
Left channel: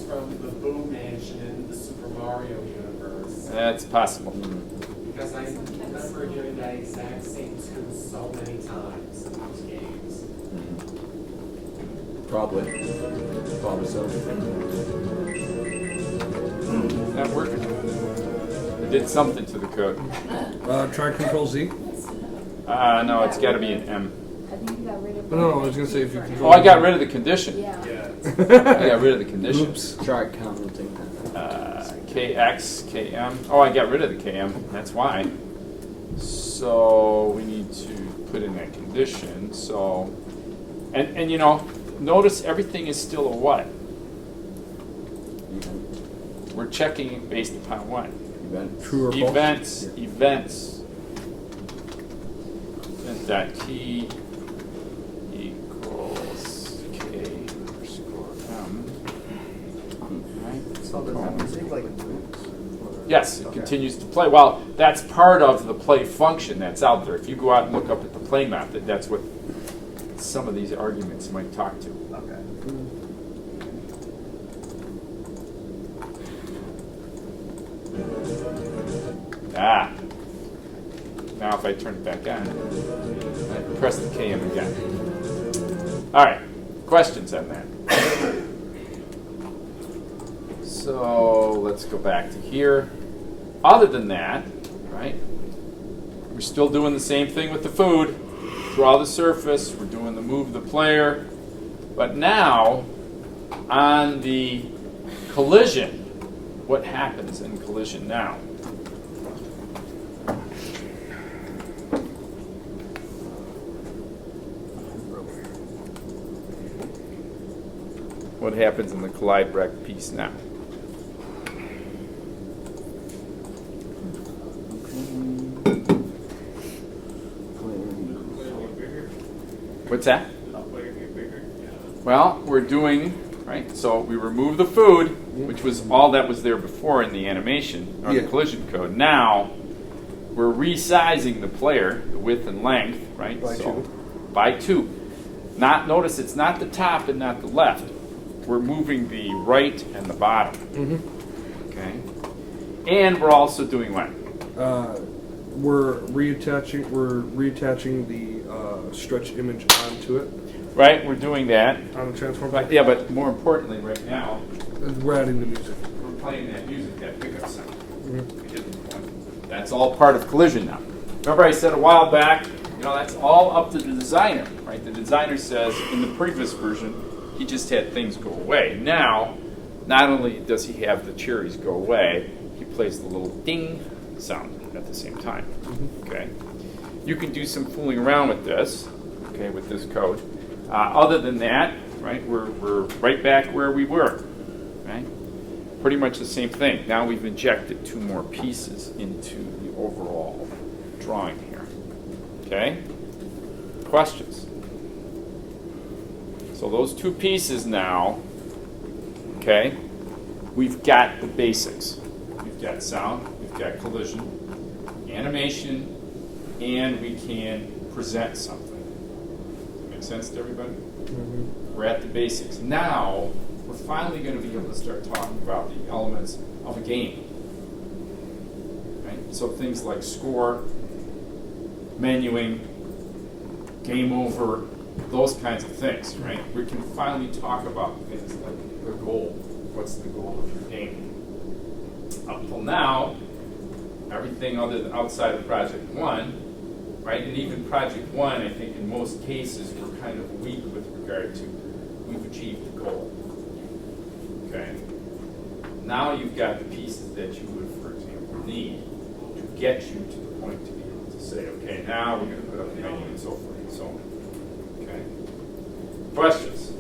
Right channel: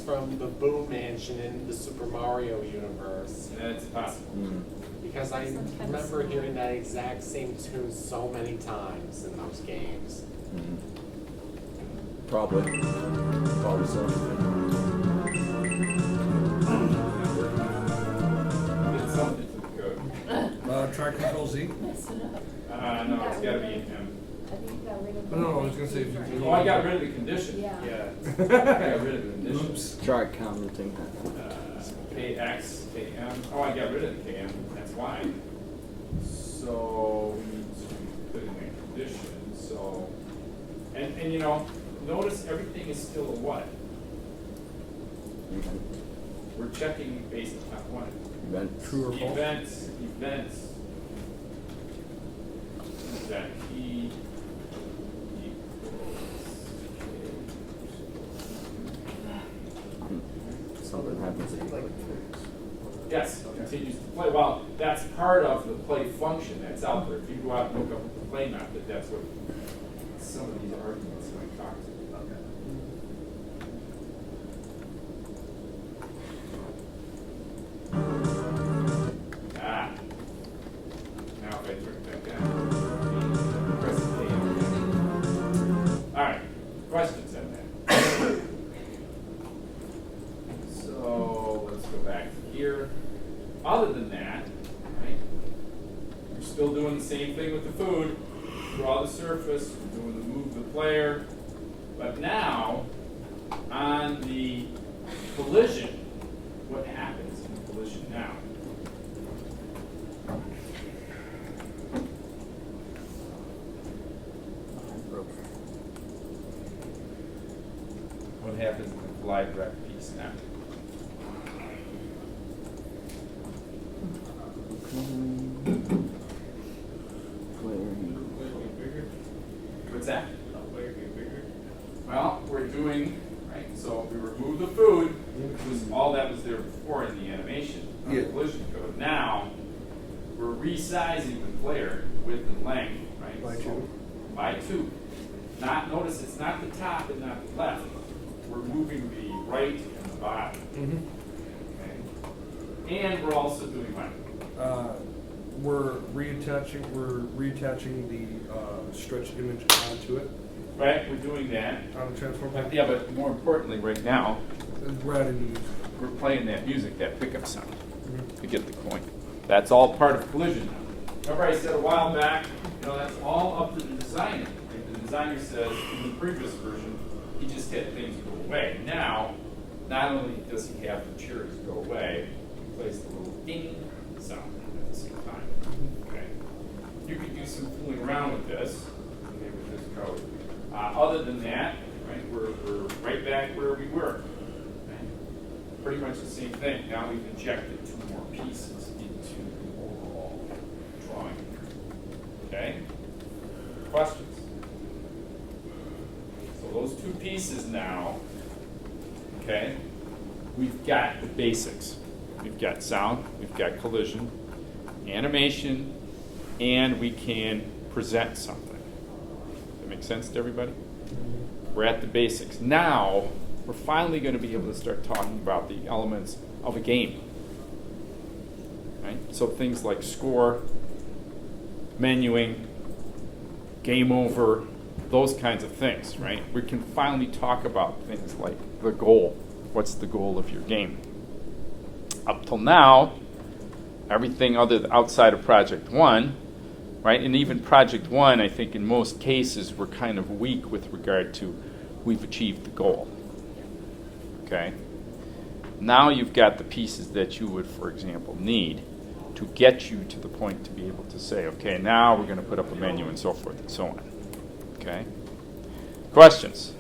from the Boom Mansion in the Super Mario universe. That's possible. Because I remember hearing that exact same tune so many times in those games. Probably so. Not working. Did something to the code. Try Control Z. No, it's got to be an M. I think you got rid of. No, I was gonna say if you Right. control. Oh, I got rid of the condition. Yeah. I got rid of the condition. Oops. Try counting. KX, KM. Oh, I got rid of the KM. That's why. So we need to put in that condition. So, and you know, notice everything is still a what? Event. We're checking it based upon what? Event. True or false? Events. And that key equals K underscore M. Right? Something happens. Yes, it continues to play. Well, that's part of the play function that's out there. If you go out and look up at the play method, that's what some of these arguments might talk to. Ah. Now if I turn it back on, and press the KM again. All right, questions on that? So let's go back to here. Other than that, right, we're still doing the same thing with the food. Draw the surface, we're doing the move the player. But now, on the collision, what happens in collision now? What happens in the collide wreck piece now? What's that? Well, we're doing, right, so we remove the food, which was all that was there before in the animation, or the collision code. Now, we're resizing the player, the width and length, right? By two. By 2. Notice it's not the top and not the left. We're moving the right and the bottom. Okay? And we're also doing what? We're reattaching the stretch image onto it Right, we're doing that. on the transform pack. Yeah, but more importantly, right now, We're adding the music. we're playing that music, that pickup sound. You get the point. That's all part of collision now. Remember I said a while back, you know, that's all up to the designer, right? The designer says in the previous version, he just had things go away. Now, not only does he have the cherries go away, he plays the little ding sound at the same time. Okay. You can do some fooling around with this, okay, with this code. Other than that, right, we're right back where we were, right? Pretty much the same thing. Now we've injected 2 more pieces into the overall drawing here. Okay? Questions? So those 2 pieces now, okay, we've got the basics. We've got sound, we've got collision, animation, and we can present something. That make sense to everybody? We're at the basics. Now, we're finally going to be able to start talking about the elements of a game. Right? So things like score, menuing, game over, those kinds of things, right? We can finally talk about things like the goal. What's the goal of your game? Up till now, everything outside of Project 1, right? And even Project 1, I think in most cases, we're kind of weak with regard to we've achieved the goal. Okay? Now you've got the pieces that you would, for example, need to get you to the point to be able to say, okay, now we're going to put up a menu and so forth and so on. Okay? Questions?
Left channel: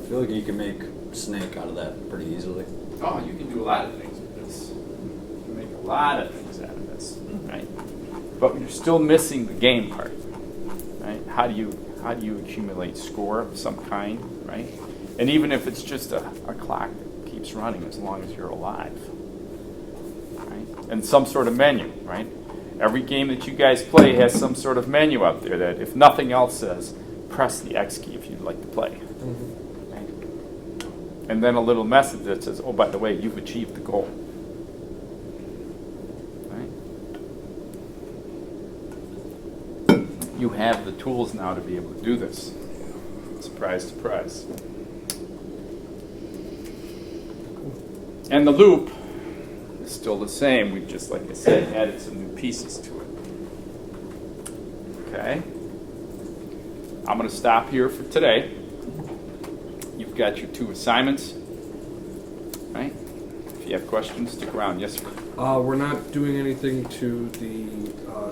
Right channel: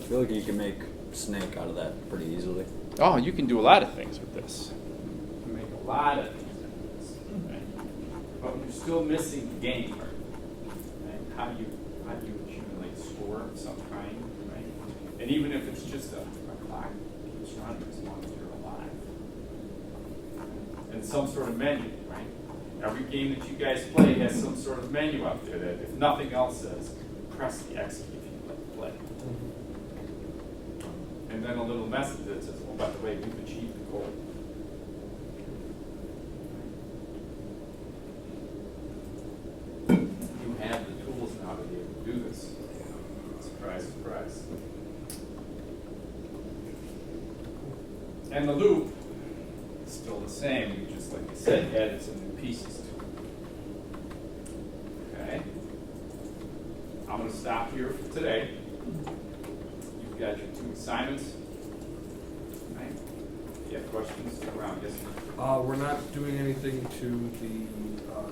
I feel like you can make snake out of that pretty easily. Oh, you can do a lot of things with this. You can make a lot of things out of this, right? But you're still missing the game part, right? How do you accumulate score of some kind, right? And even if it's just a clock that keeps running as long as you're alive, right? And some sort of menu, right? Every game that you guys play has some sort of menu out there that, if nothing else, says press the X key if you'd like to play. And then a little message that says, oh, by the way, you've achieved the goal. Right? You have the tools now to be able to do this. Surprise, surprise. And the loop is still the same. We just, like I said, added some new pieces to it. Okay? I'm going to stop here for today. You've got your 2 assignments, right? If you have questions, stick around. Yes, sir. We're not doing anything to the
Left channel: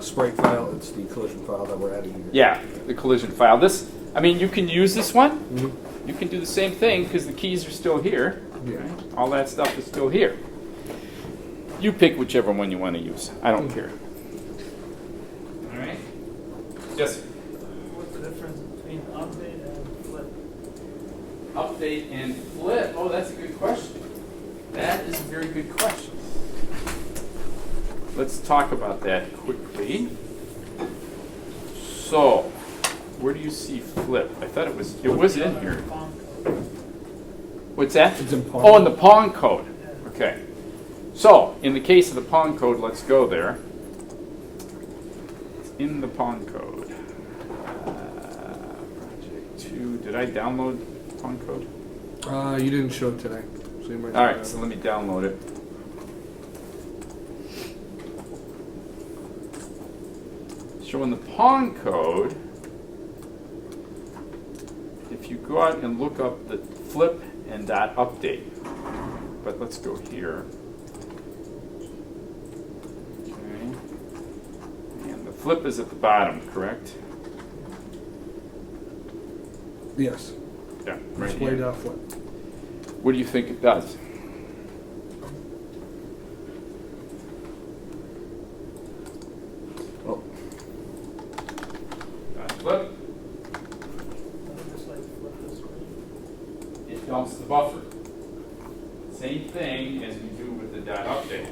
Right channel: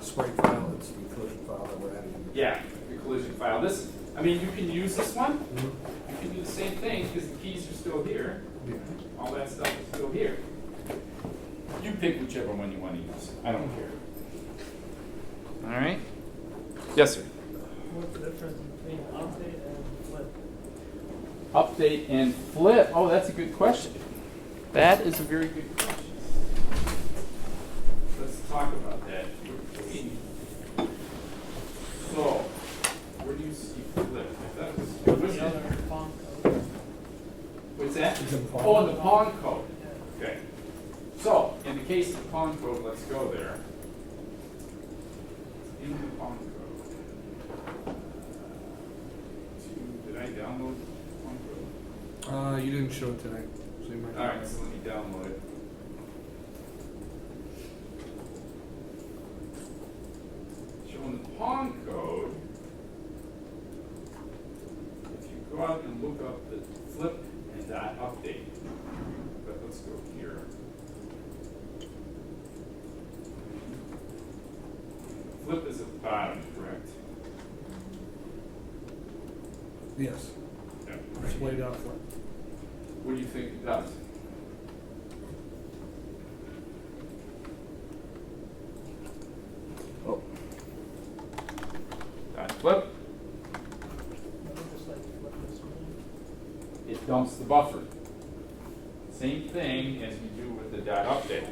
sprite file. It's the collision file that we're adding here. Yeah, the collision file. This, I mean, you can use this one. Mm-hmm. You can do the same thing because the keys are still here. Yeah. Right? All that stuff is still here. You pick whichever one you want to use. I don't care. All right? Yes, sir. What's the difference between update and flip? Update and flip. Oh, that's a good question. That is a very good question. Let's talk about that quickly. So, where do you see flip? I thought it was in here. What's that? It's in Pong. Oh, in the Pong code. Okay. So, in the case of the Pong code, let's go there. It's in the Pong code. Did I download Pong code? You didn't show it today, so you might. All right, so let me download it. Showing the Pong code. If you go out and look up the flip and dot update, but let's go here. Okay. And the flip is at the bottom, correct? Yes. Yeah, right Display here. dot flip. What do you think it does? Oh, Dot flip. Just like flip the screen. It dumps the buffer. Same thing as we do with the dot update.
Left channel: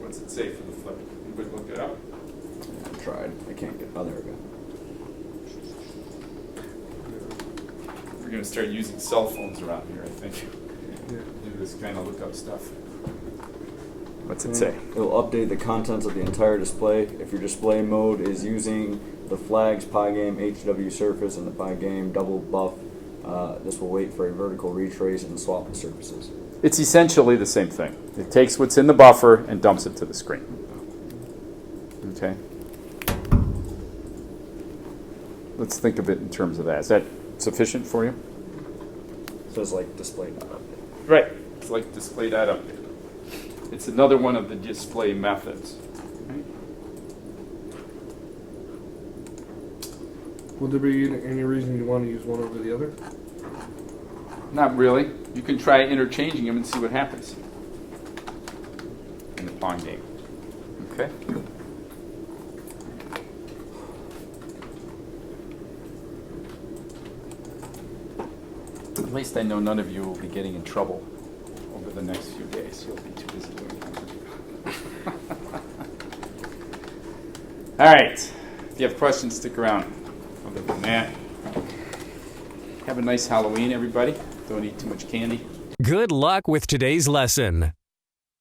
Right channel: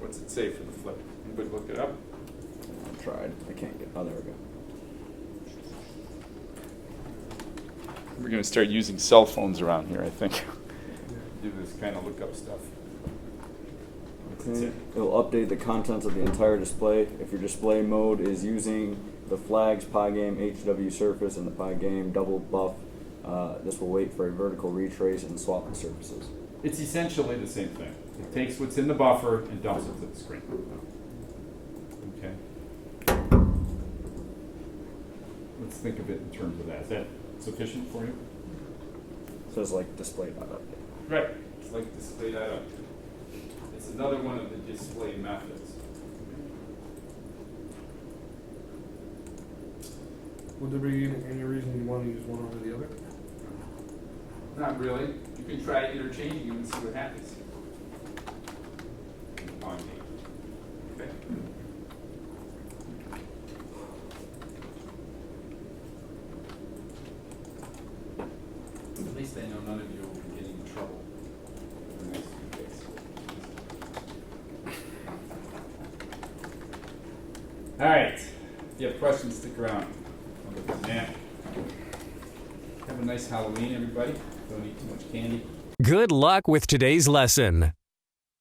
What's it say for the flip? Anybody look it up? I tried. I can't get. Oh, there we go. We're going to start using cell phones around here, I think. Yeah. Do this kind of look up stuff. What's it say? It will update the contents of the entire display. If your display mode is using the flags Pygame HW surface and the Pygame double buff, this will wait for a vertical retrace and swap the surfaces. It's essentially the same thing. It takes what's in the buffer and dumps it to the screen. Okay. Let's think of it in terms of that. Is that sufficient for you? So it's like display dot update. Right. It's like display that up. It's another one of the display methods. Would there be any reason you want to use one over the other? Not really. You can try interchanging them and see what happens in the Pong game. Okay? At least I know none of you will be getting in trouble over the next few days. You'll be too busy. All right. If you have questions, stick around. Other than that, have a nice Halloween, everybody. Don't eat too much candy. Good luck with today's lesson.